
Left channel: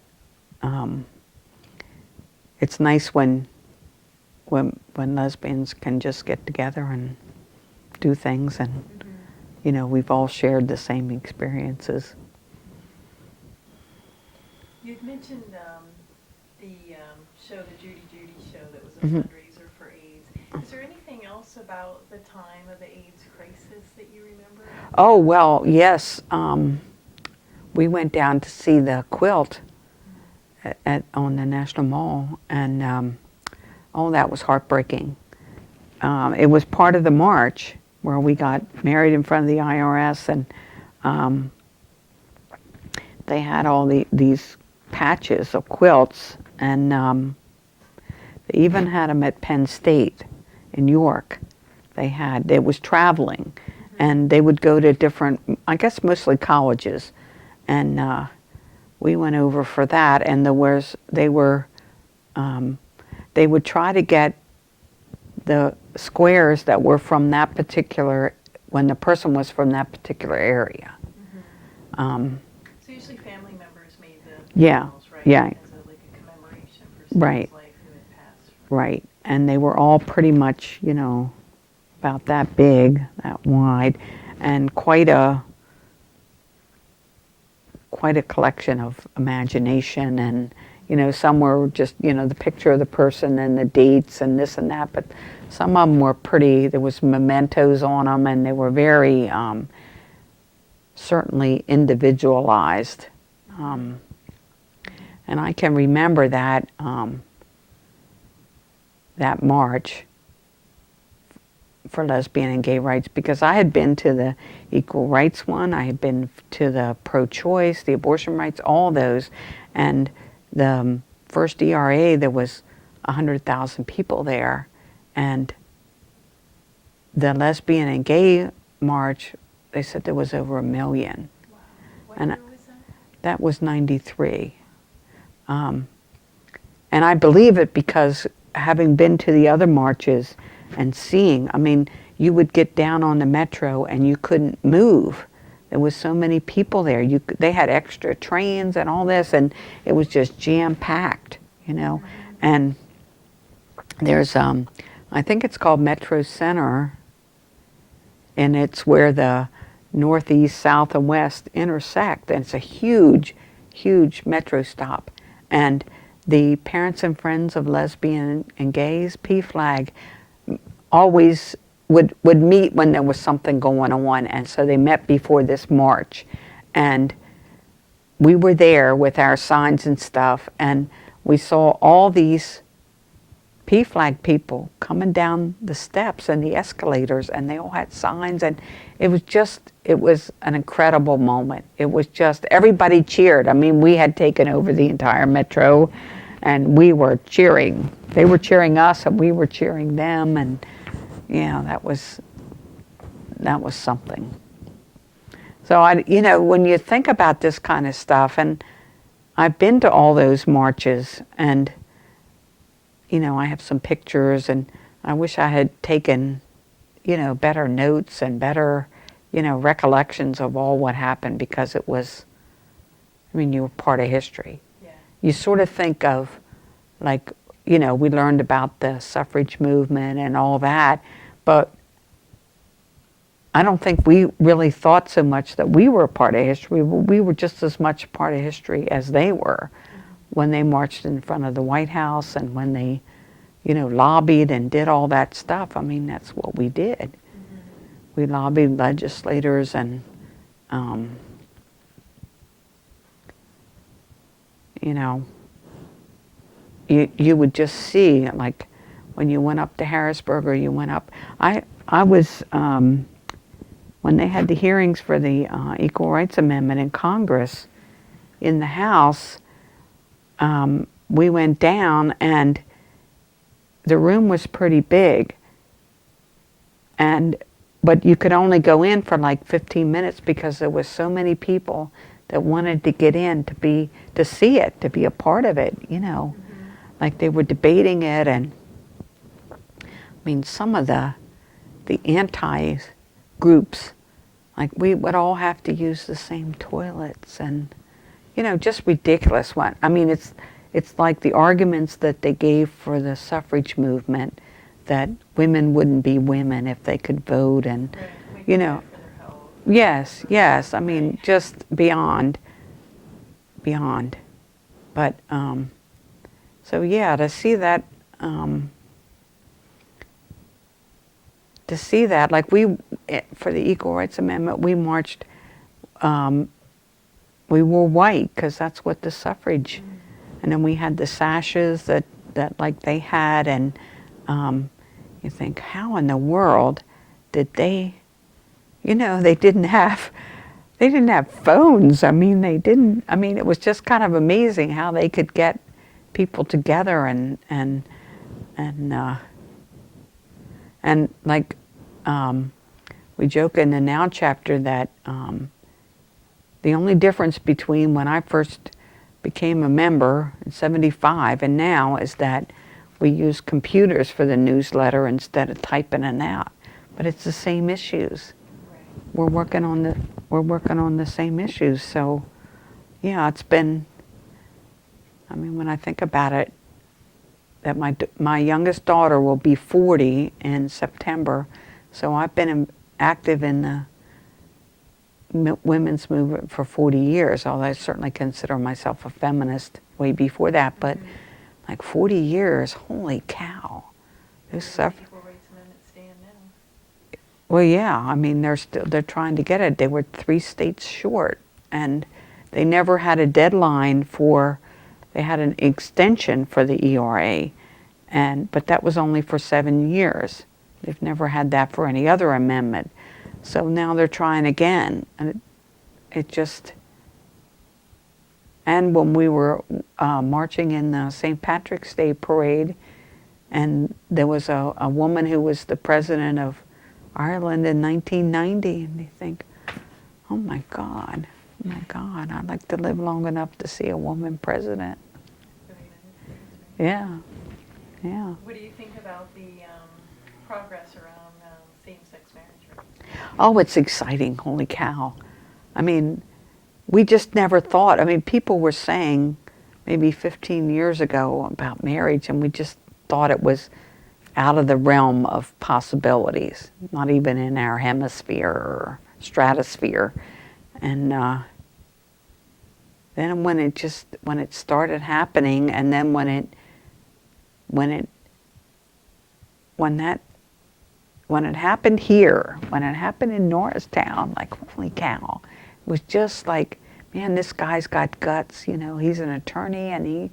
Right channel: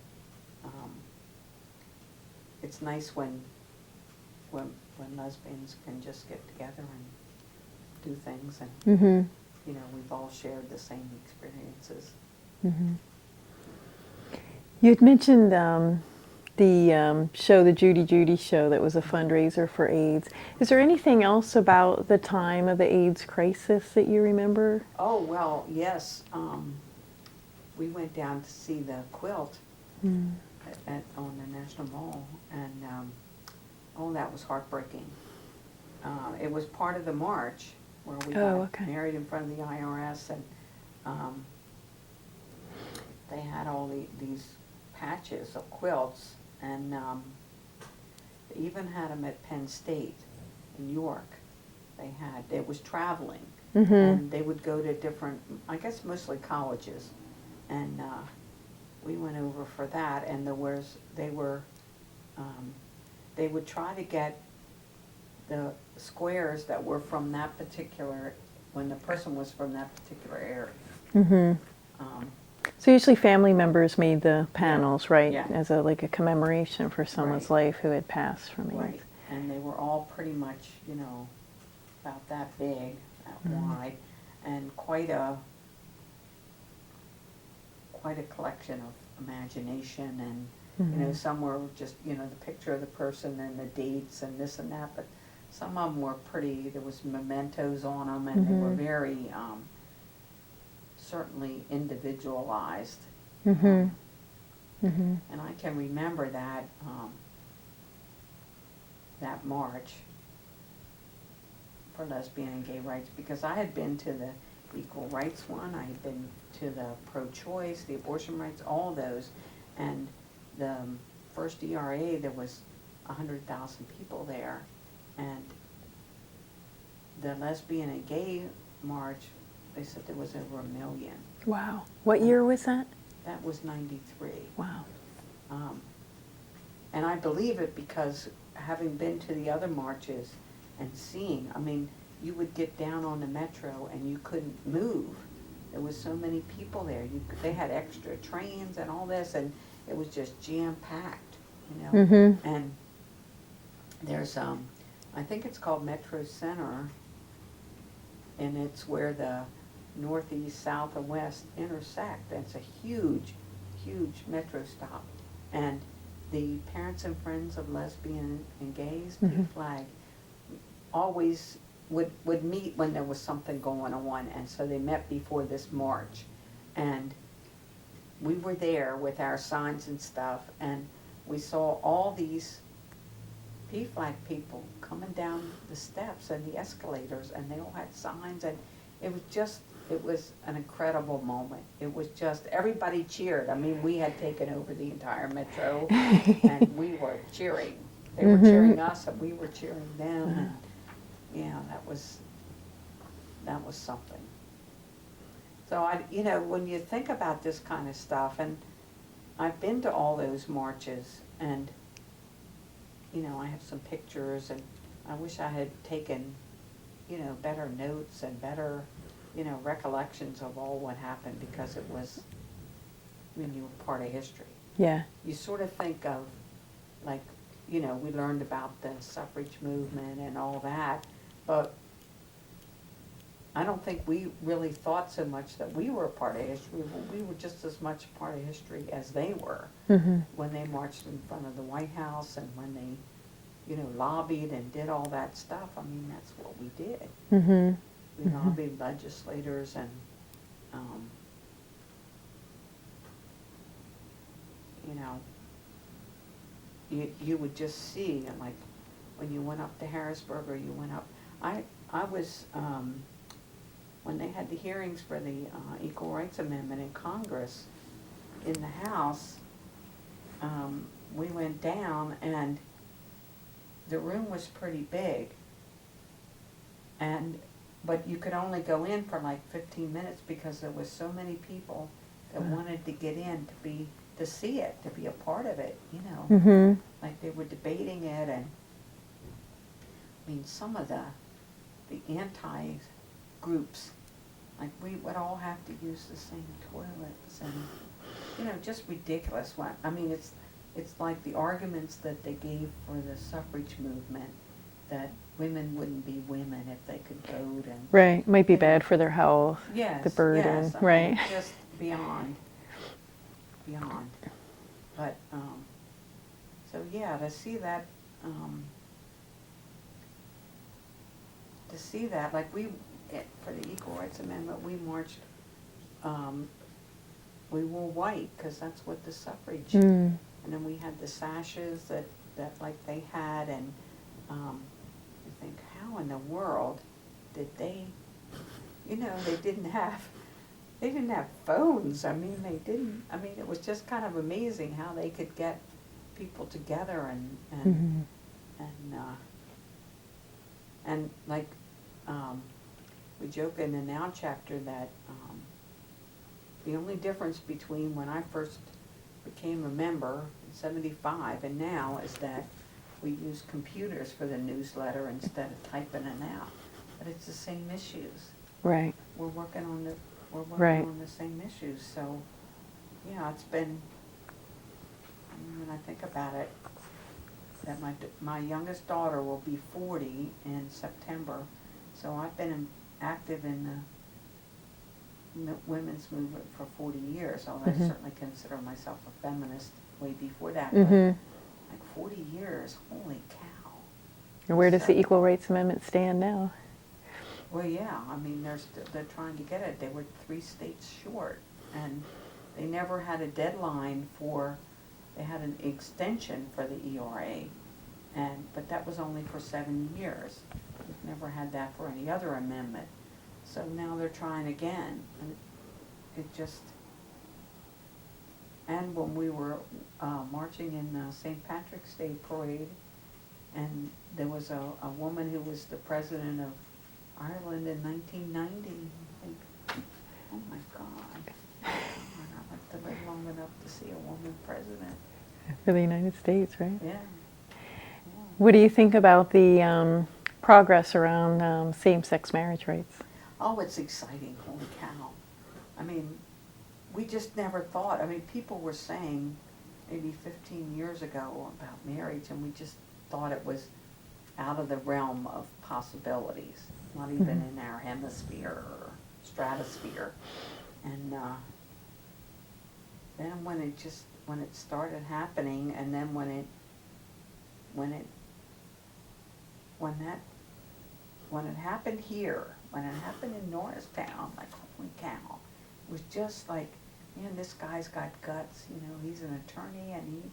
it's nice when lesbians can just get together and do things, and we've all shared the same experiences. You had mentioned the show, the Judy show, that was a fundraiser for AIDS. Is there anything else about the time of the AIDS crisis that you remember? Oh, well, yes. We went down to see the quilt on the National Mall, and that was heartbreaking. It was part of the march where we got married in front of the IRS, and they had all these patches of quilts, and they even had them at Penn State in York. It was traveling, and they would go to different, I guess mostly colleges, and we went over for that, and they would try to get the squares that were from that particular, when the person was from that particular area. So usually family members made the Yeah, panels, right? yeah. As a commemoration for someone's Right. life who had passed from it. Right, and they were all pretty much, about that big, that wide, and quite a collection of imagination, and some were just the picture of the person and the dates and this and that, but some of them were pretty. There was mementos on them, and they were very certainly individualized. And I can remember that that march for lesbian and gay rights, because I had been to the equal rights one, I had been to the pro-choice, the abortion rights, all those, and the first ERA, there was 100,000 people there, and the lesbian and gay march, they said there was over 1 million. Wow. What And year was that? That was 93. Wow. And I believe it because having been to the other marches and seeing, you would get down on the metro and you couldn't move. There was so many people there. They had extra trains and all this, and it was just jam-packed, And there's, I think it's called Metro Center, and it's where the northeast, south, and west intersect, and it's a huge, huge metro stop. And the Parents and Friends of Lesbian and Gays, PFLAG, always would meet when there was something going on, and so they met before this march. And we were there with our signs and stuff, and we saw all these PFLAG people coming down the steps and the escalators, and they all had signs, and it was an incredible moment. It was just, everybody cheered. I mean, we had taken over the entire metro, and we were cheering. They were cheering us, and we were cheering them, and yeah, that was something. So when you think about this kind of stuff, and I've been to all those marches, and I have some pictures, and I wish I had taken, better notes and better, recollections of all what happened, because it was, you were part of history. Yeah. You sort of think of, like, we learned about the suffrage movement and all that, but I don't think we really thought so much that we were a part of history. We were just as much a part of history as they were when they marched in front of the White House, and when they, lobbied and did all that stuff. I mean, that's what we did. We lobbied legislators, and, you would just see, like, when you went up to Harrisburg, or you went up. I was, when they had the hearings for the Equal Rights Amendment in Congress, in the House, we went down, and the room was pretty big, but you could only go in for like 15 minutes, because there was so many people that wanted to get in to see it, to be a part of it, like they were debating it. And some of the anti groups, like, we would all have to use the same toilets, and just ridiculous one. It's like the arguments that they gave for the suffrage movement, that women wouldn't be women if they could vote, and right, might be bad for their health. Yes, yes. Right. Just beyond. But so yeah, to see that, like, for the Equal Rights Amendment, we marched. We wore white, because that's what the suffrage. And then we had the sashes that like they had, and you think, how in the world did they? They didn't have phones. It was just kind of amazing how they could get people together, and like, we joke in the Now chapter that the only difference between when I first became a member in '75 and now is that we use computers for the newsletter instead of typing it out. But it's the same issues. Right. We're working on the same issues. So, yeah, it's been. When I think about it, that my youngest daughter will be 40 in September, so I've been active in the women's movement for 40 years, although I certainly consider myself a feminist way before that, but like 40 years, holy cow. And where does the Equal Rights Amendment stand now? Well, yeah, they're trying to get it. They were 3 states short, and they never had a deadline they had an extension for the ERA, but that was only for 7 years. They've never had that for any other amendment. So now they're trying again, and it just. And when we were marching in the St. Patrick's Day parade, and there was a woman who was the president of Ireland in 1990, and you think, oh my God, I'd like to live long enough to see a woman president. For the United States, right? Yeah, yeah. What do you think about the progress around same-sex marriage rights? Oh, it's exciting, holy cow. We just never thought, people were saying maybe 15 years ago about marriage, and we just thought it was out of the realm of possibilities, not even in our hemisphere or stratosphere. And then when it started happening, and then when it happened here, when it happened in Norristown, like, holy cow, it was just like, man, this guy's got guts, he's an attorney, and he's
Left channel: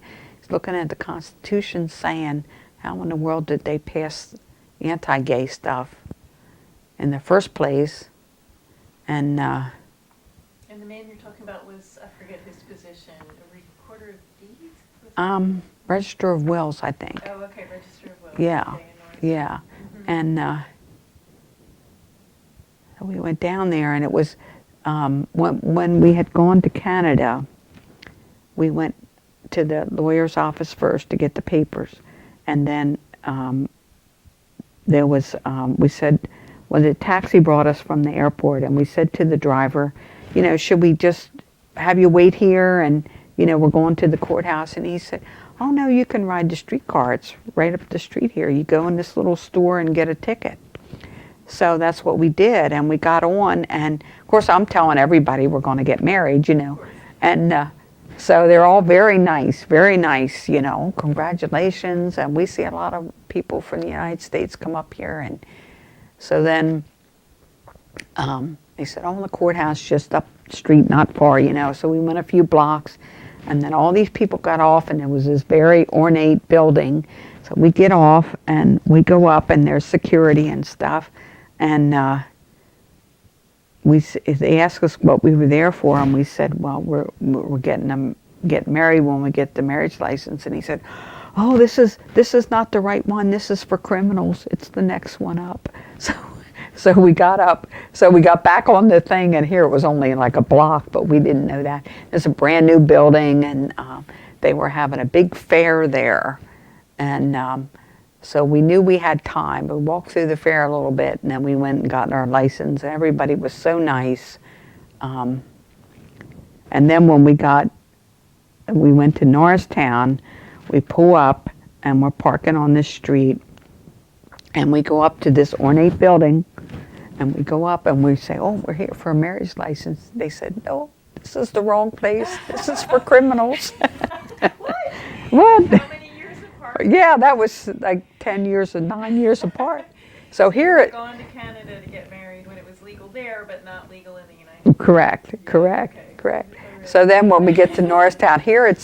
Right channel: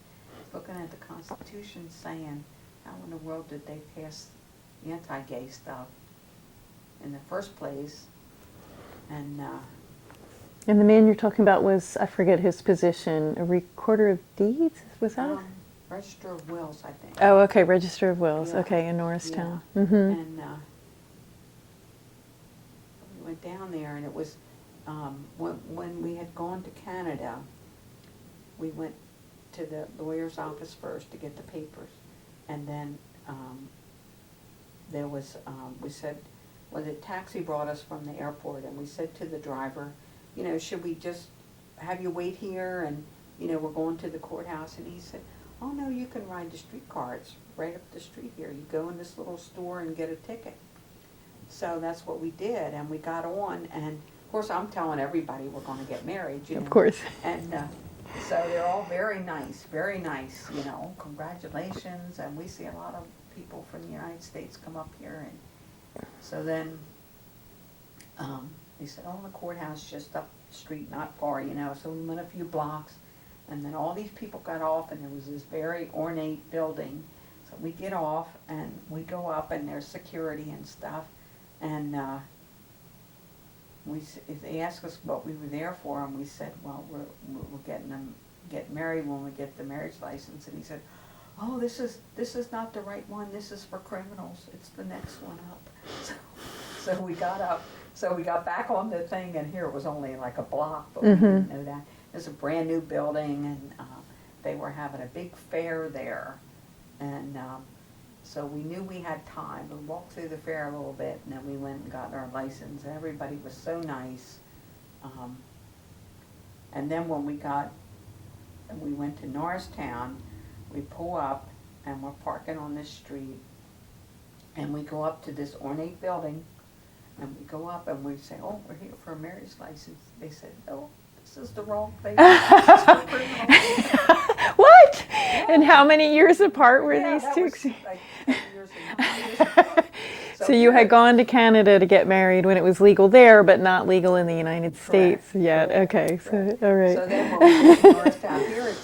looking at the Constitution saying, how in the world did they pass anti-gay stuff in the first place? And And the man you're talking about was, I forget his position, a recorder of deeds? Was that? Register of Wills, I think. Oh, okay, Register of Wills. Yeah. Okay, in Norristown. Yeah. Mm-hmm. And so we went down there, and it was when we had gone to Canada, we went to the lawyer's office first to get the papers, and then there was we said, well, the taxi brought us from the airport, and we said to the driver, you know, should we just have you wait here, and you know, we're going to the courthouse? And he said, oh no, you can ride the streetcar. It's right up the street here. You go in this little store and get a ticket. So that's what we did, and we got on, and of course I'm telling everybody we're going to get married, you know. Of course. And so they're all very nice, you know, congratulations. And we see a lot of people from the United States come up here. And so then they said, oh, the courthouse just up the street, not far, you know. So we went a few blocks, and then all these people got off, and there was this very ornate building. So we get off, and we go up, and there's security and stuff. And they asked us what we were there for, and we said, well, we're getting married when we get the marriage license. And he said, oh, this is not the right one. This is for criminals. It's the next one up. So we got up. So we got back on the thing, and here it was only like a block, but we didn't know that. It's a brand new building, and they were having a big fair there. And so we knew we had time. We walked through the fair a little bit, and then we went and got our license. Everybody was so nice. And then when we went to Norristown, we pull up, and we're parking on this street, and we go up to this ornate building, and we go up, and we say, oh, we're here for a marriage license. They said, no, this is the wrong place. This is for criminals. What? And how many years apart were Yeah, these that two? was like 10 years and 9 years apart. So you here had gone to Canada to get married when it was legal there, but not legal in the United Correct. States. Yeah, Correct. okay. Correct. So, all right. So then when we get to Norristown here,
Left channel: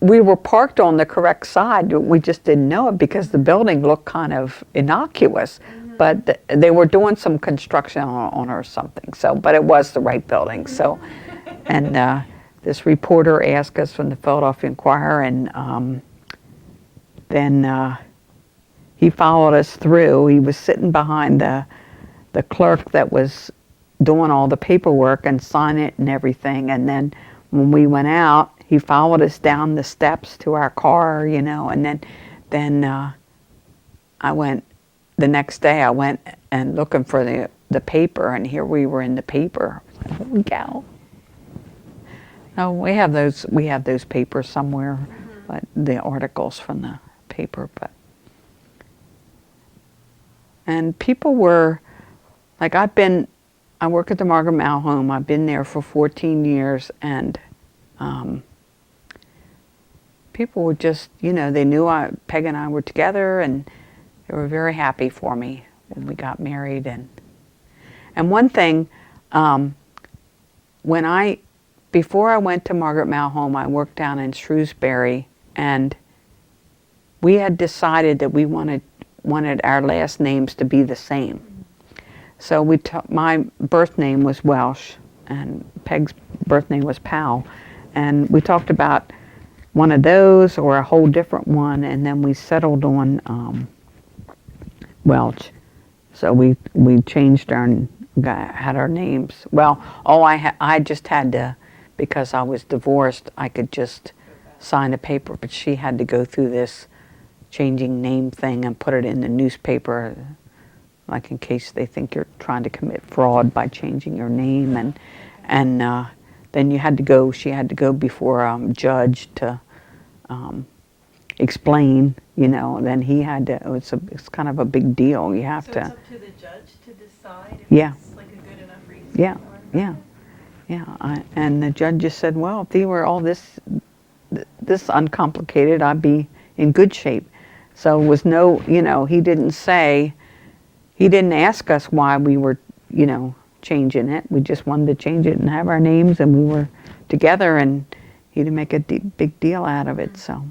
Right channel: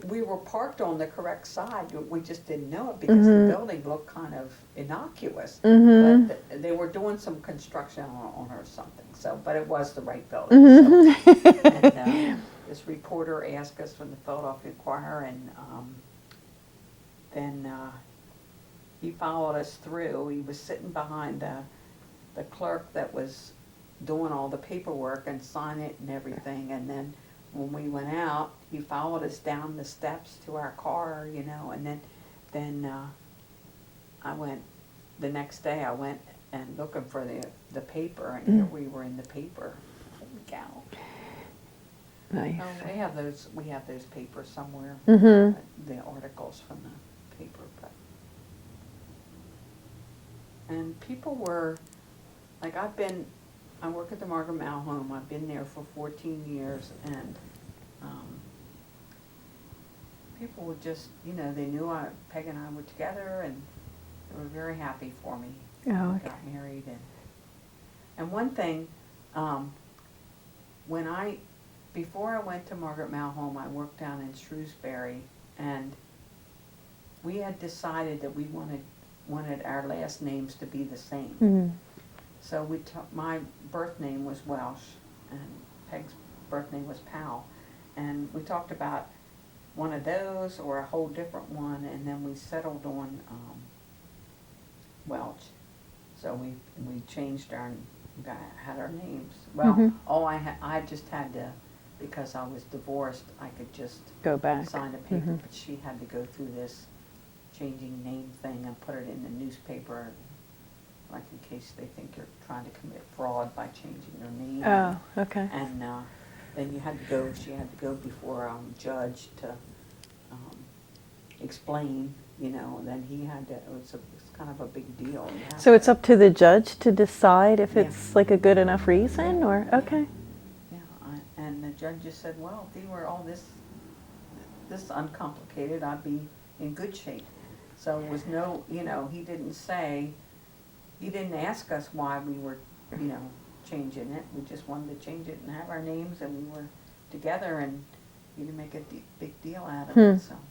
we were parked on the correct side. We just didn't know it because the building looked kind of innocuous. But they were doing some construction on it or something. So, but it was the right building. So, and this reporter asked us from the Philadelphia Inquirer, and then he followed us through. He was sitting behind the clerk that was doing all the paperwork and signing it and everything. And then when we went out, he followed us down the steps to our car, you know. And then I went the next day. I went and looking for the paper, and here we were in the paper. Holy cow! Nice. Oh, we have those papers somewhere, but the articles from the paper, but. And people were, like I work at the Margaret Mal Home. I've been there for 14 years, and people were just, you know, they knew Peg and I were together, and they were very happy for me when we got married. And one thing, before I went to Margaret Mal Home, I worked down in Shrewsbury, and we had decided that we wanted our last names to be the same. So my birth name was Welch, and Peg's birth name was Powell, and we talked about one of those or a whole different one, and then we settled on Welch. So we changed had our names. Well, I just had to, because I was divorced, I could just Go back. sign a paper, but she had to go through this changing name thing and put it in the newspaper, like in case they think you're trying to commit fraud by changing your name. Okay. And then she had to go before a judge to explain, you know, and then he had to, it's kind of a big deal. You have So to. it's up to the judge to decide if Yeah. it's like a good enough reason? Yeah, Or, yeah. okay. Yeah, and the judge just said, well, if they were all this uncomplicated, I'd be in good shape. So it was no, you know, he didn't ask us why we were, you know, changing it. We just wanted to change it and have our names, and we were together, and he didn't make a big deal out of it, so.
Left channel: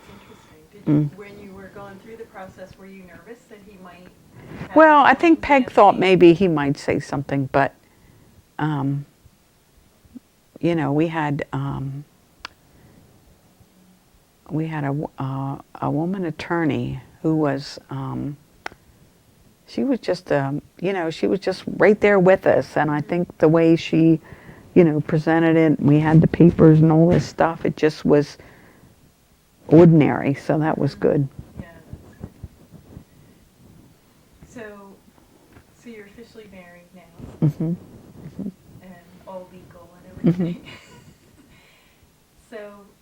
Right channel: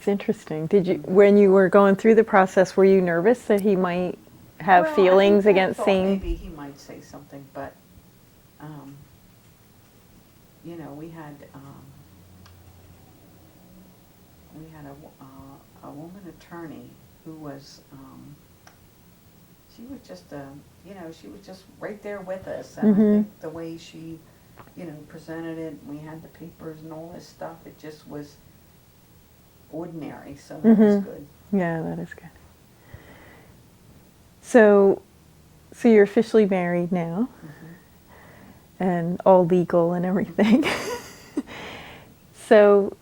It's interesting. Did you, when you were going through the process, were you nervous that he might have Well, I think feelings Peg against thought seeing? maybe he might say something, but, we had a woman attorney who was, she was just, she was just right there with us. And I think the way she, presented it, we had the papers and all this stuff, it just was ordinary. So that was good. Yeah, that is good. So, so you're officially married now, and all legal and everything. So,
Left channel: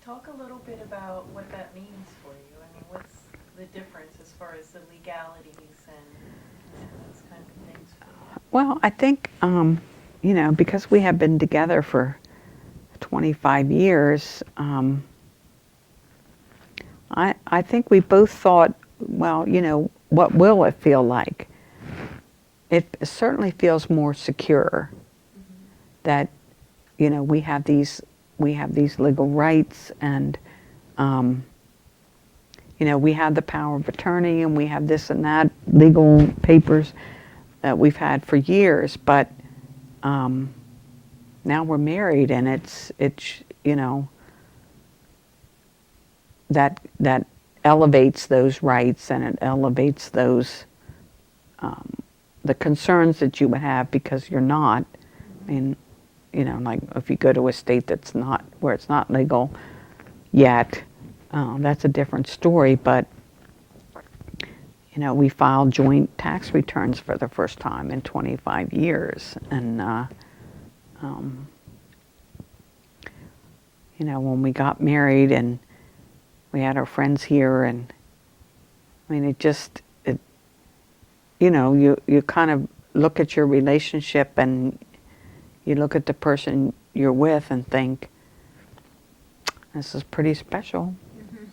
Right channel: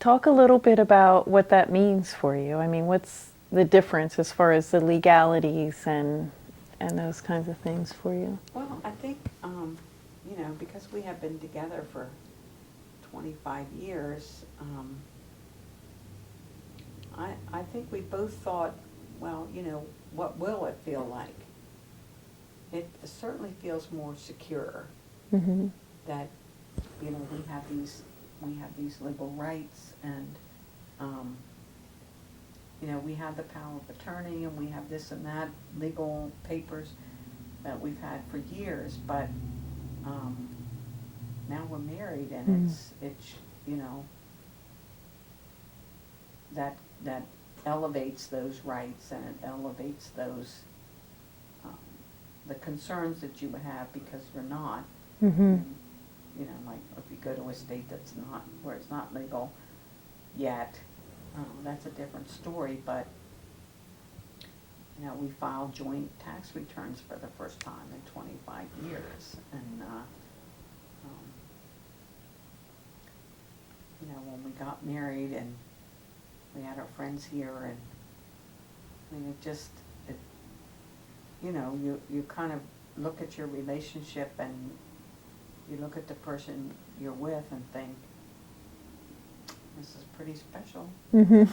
talk a little bit about what that means for you. I mean, what's the difference as far as the legalities and those kinds of things for you? Well, I think, because we have been together for 25 years, I think we both thought, well, what will it feel like? It certainly feels more secure that, we have these legal rights, and, we have the power of attorney, and we have this and that legal papers that we've had for years. But now we're married, and it's that elevates those rights, and it elevates those the concerns that you would have because you're not in, like if you go to a state that's not, where it's not legal yet, that's a different story. But we filed joint tax returns for the first time in 25 years, and when we got married and we had our friends here, and I mean, you kind of look at your relationship, and you look at the person you're with and think, this is pretty special. When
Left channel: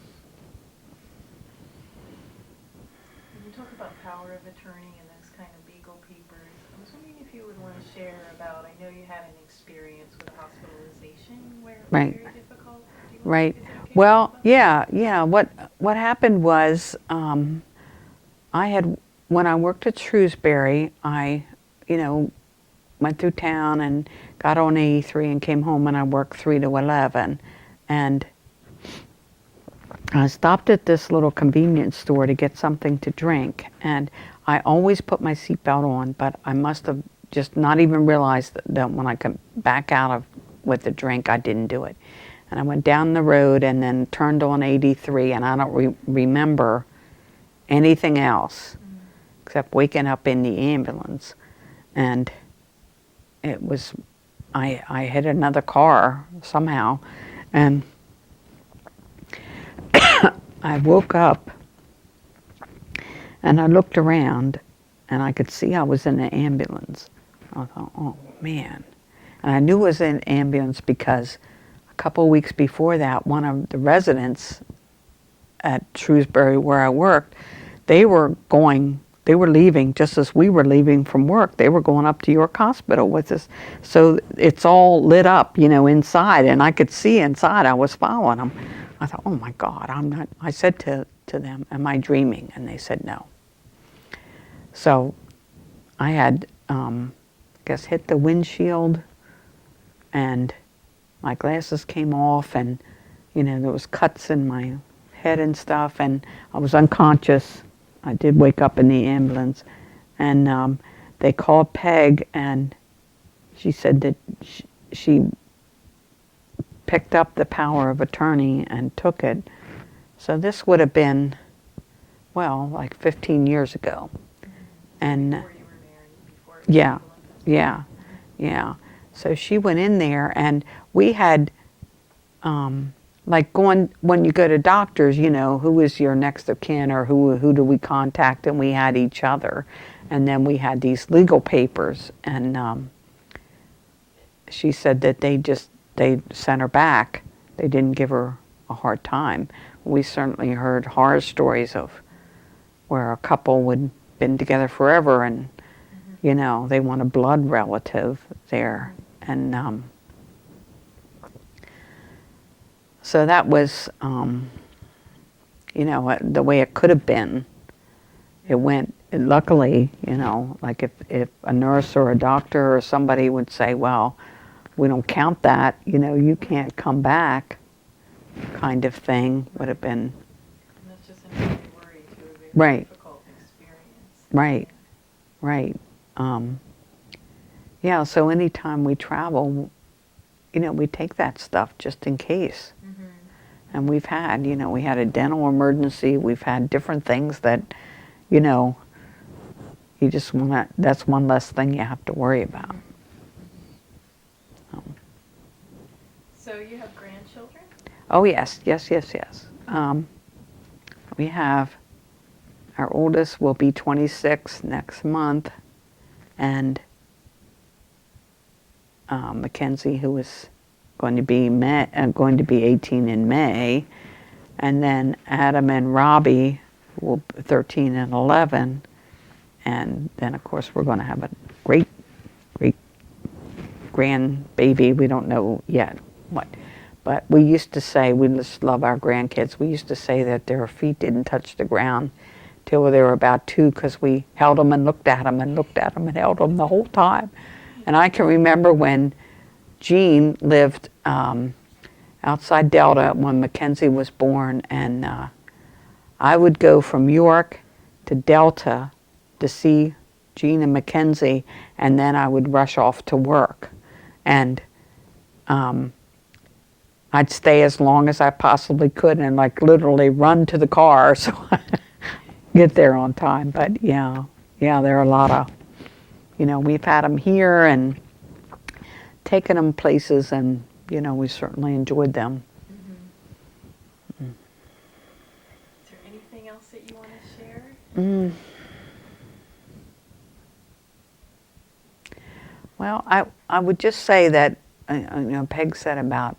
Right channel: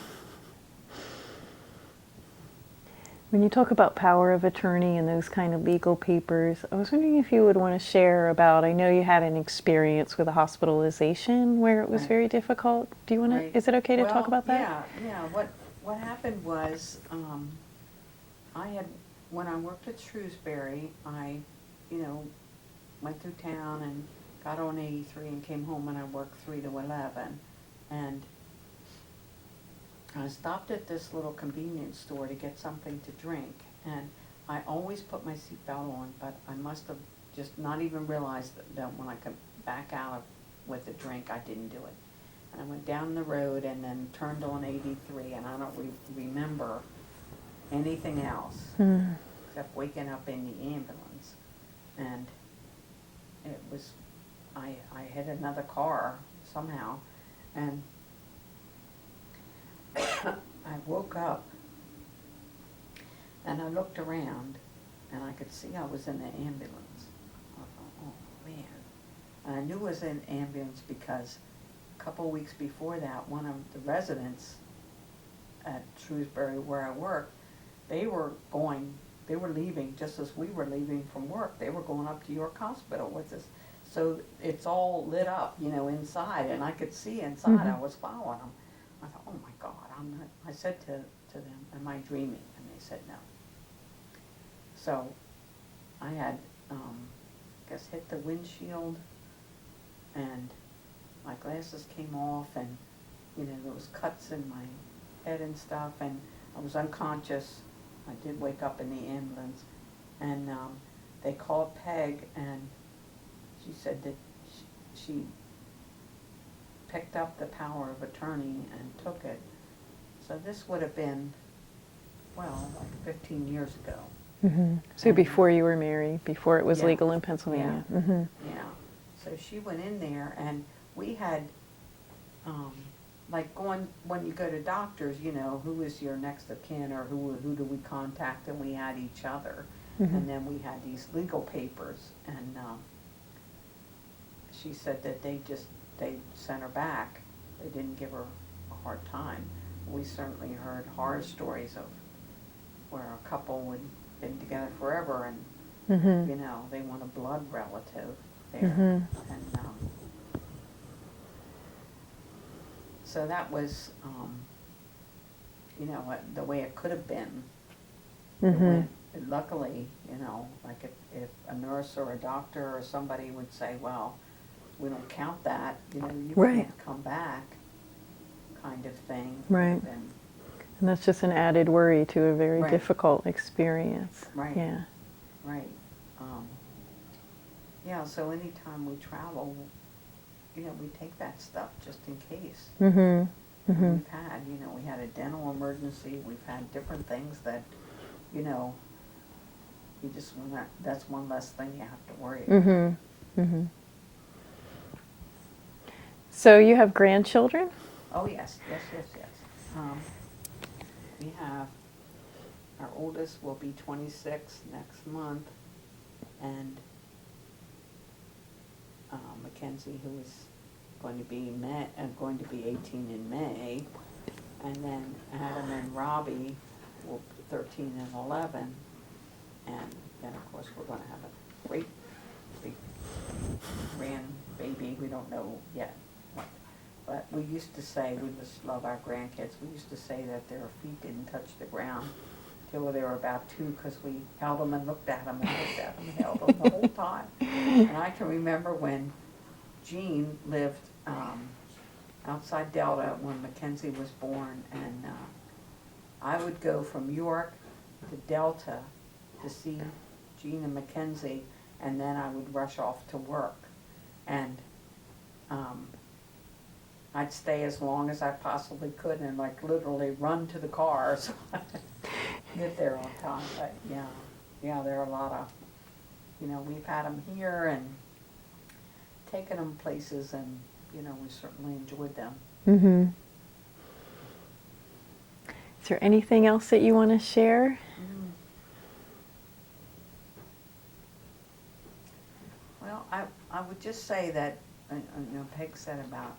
you talk about power of attorney and those kind of legal papers, I was wondering if you would want to share about, I know you had an experience with a hospitalization where it was Right. very difficult. Do you want Right. to, is it okay to talk about that? Yeah. What happened was, when I worked at Shrewsbury, I, went through town and got on 83 and came home, and I worked 3 to 11. And I stopped at this little convenience store to get something to drink, and I always put my seatbelt on, but I must have just not even realized that when I come back out of with the drink, I didn't do it. And I went down the road and then turned on 83, and I don't remember anything else except waking up in the ambulance. And it was, I hit another car somehow, and I woke up and I looked around, and I could see I was in an ambulance. I thought, oh man. And I knew it was an ambulance because a couple of weeks before that, one of the residents at Shrewsbury where I worked, they were leaving just as we were leaving from work. They were going up to York Hospital with us. So it's all lit up, inside, and I could see inside. I was following them. I thought, oh my God, I'm not, I said to them, am I dreaming? And they said no. So I had, hit the windshield, and my glasses came off, and, there was cuts in my head and stuff, and I was unconscious. I did wake up in the ambulance, and they called Peg, and she said that she picked up the power of attorney and took it. So this would have been, well, like 15 years ago. So before you were married, before it was legal in Pennsylvania. Yeah. So she went in there, and we had, when you go to doctors, who is your next of kin, or who do we contact, and we had each other. And then we had these legal papers, and she said that they sent her back. They didn't give her a hard time. We certainly heard horror stories of where a couple would been together forever, and they want a blood relative there. And So that was, the way it could have been. It went, luckily, like if a nurse or a doctor or somebody would say, well, we don't count that, you Right. can't come back, kind of thing, would Right. have been. And that's just an added worry to a very Right. difficult experience. Right. Yeah. Right. Yeah, so anytime we travel, we take that stuff just in case. Mm-hmm. And we've had, we had a dental emergency, we've had different things that, you just want to, that's one less thing you have to worry about. Mm-hmm. Mm-hmm. So you have grandchildren? Oh, yes, yes, yes, yes. We have, our oldest will be 26 next month, and Mackenzie, who is going to be 18 in May, and then Adam and Robbie will be 13 and 11, and then of course we're going to have a great grandbaby. We don't know yet what, but we used to say, we just love our grandkids. We used to say that their feet didn't touch the ground till they were about 2, because we held them and looked at them and looked at them and held them the whole time. And I can remember when Jean lived outside Delta when Mackenzie was born, and I would go from York to Delta to see Jean and Mackenzie, and then I would rush off to work. And I'd stay as long as I possibly could and like literally run to the car so I get there on time. But yeah, there are a lot of, we've had them here and taken them places, and we certainly enjoyed them. Mm-hmm. Is there anything else that you want to share? Well, I would just say that, Peg said about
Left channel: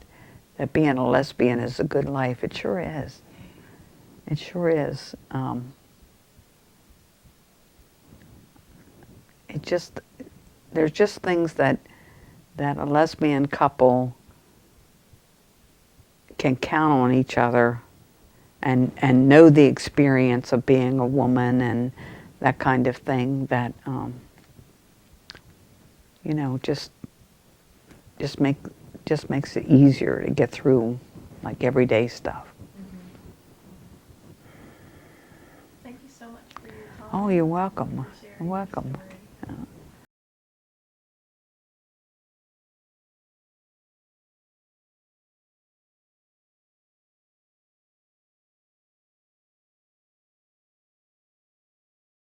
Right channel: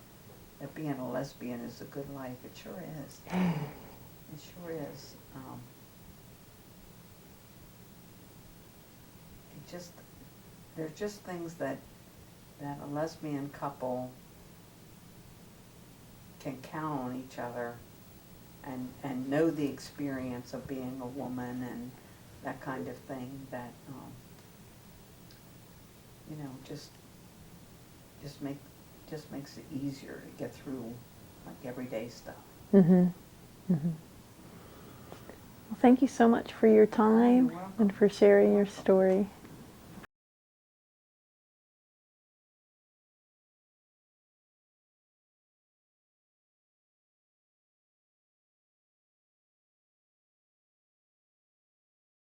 that being a lesbian is a good life. It sure is. It sure is. There's just things that a lesbian couple can count on each other and know the experience of being a woman and that kind of thing, that just makes it easier to get through like everyday stuff. Mm-hmm. Mm-hmm. Well, thank you so much for your time. Oh, you're welcome. And for sharing You're your welcome. story.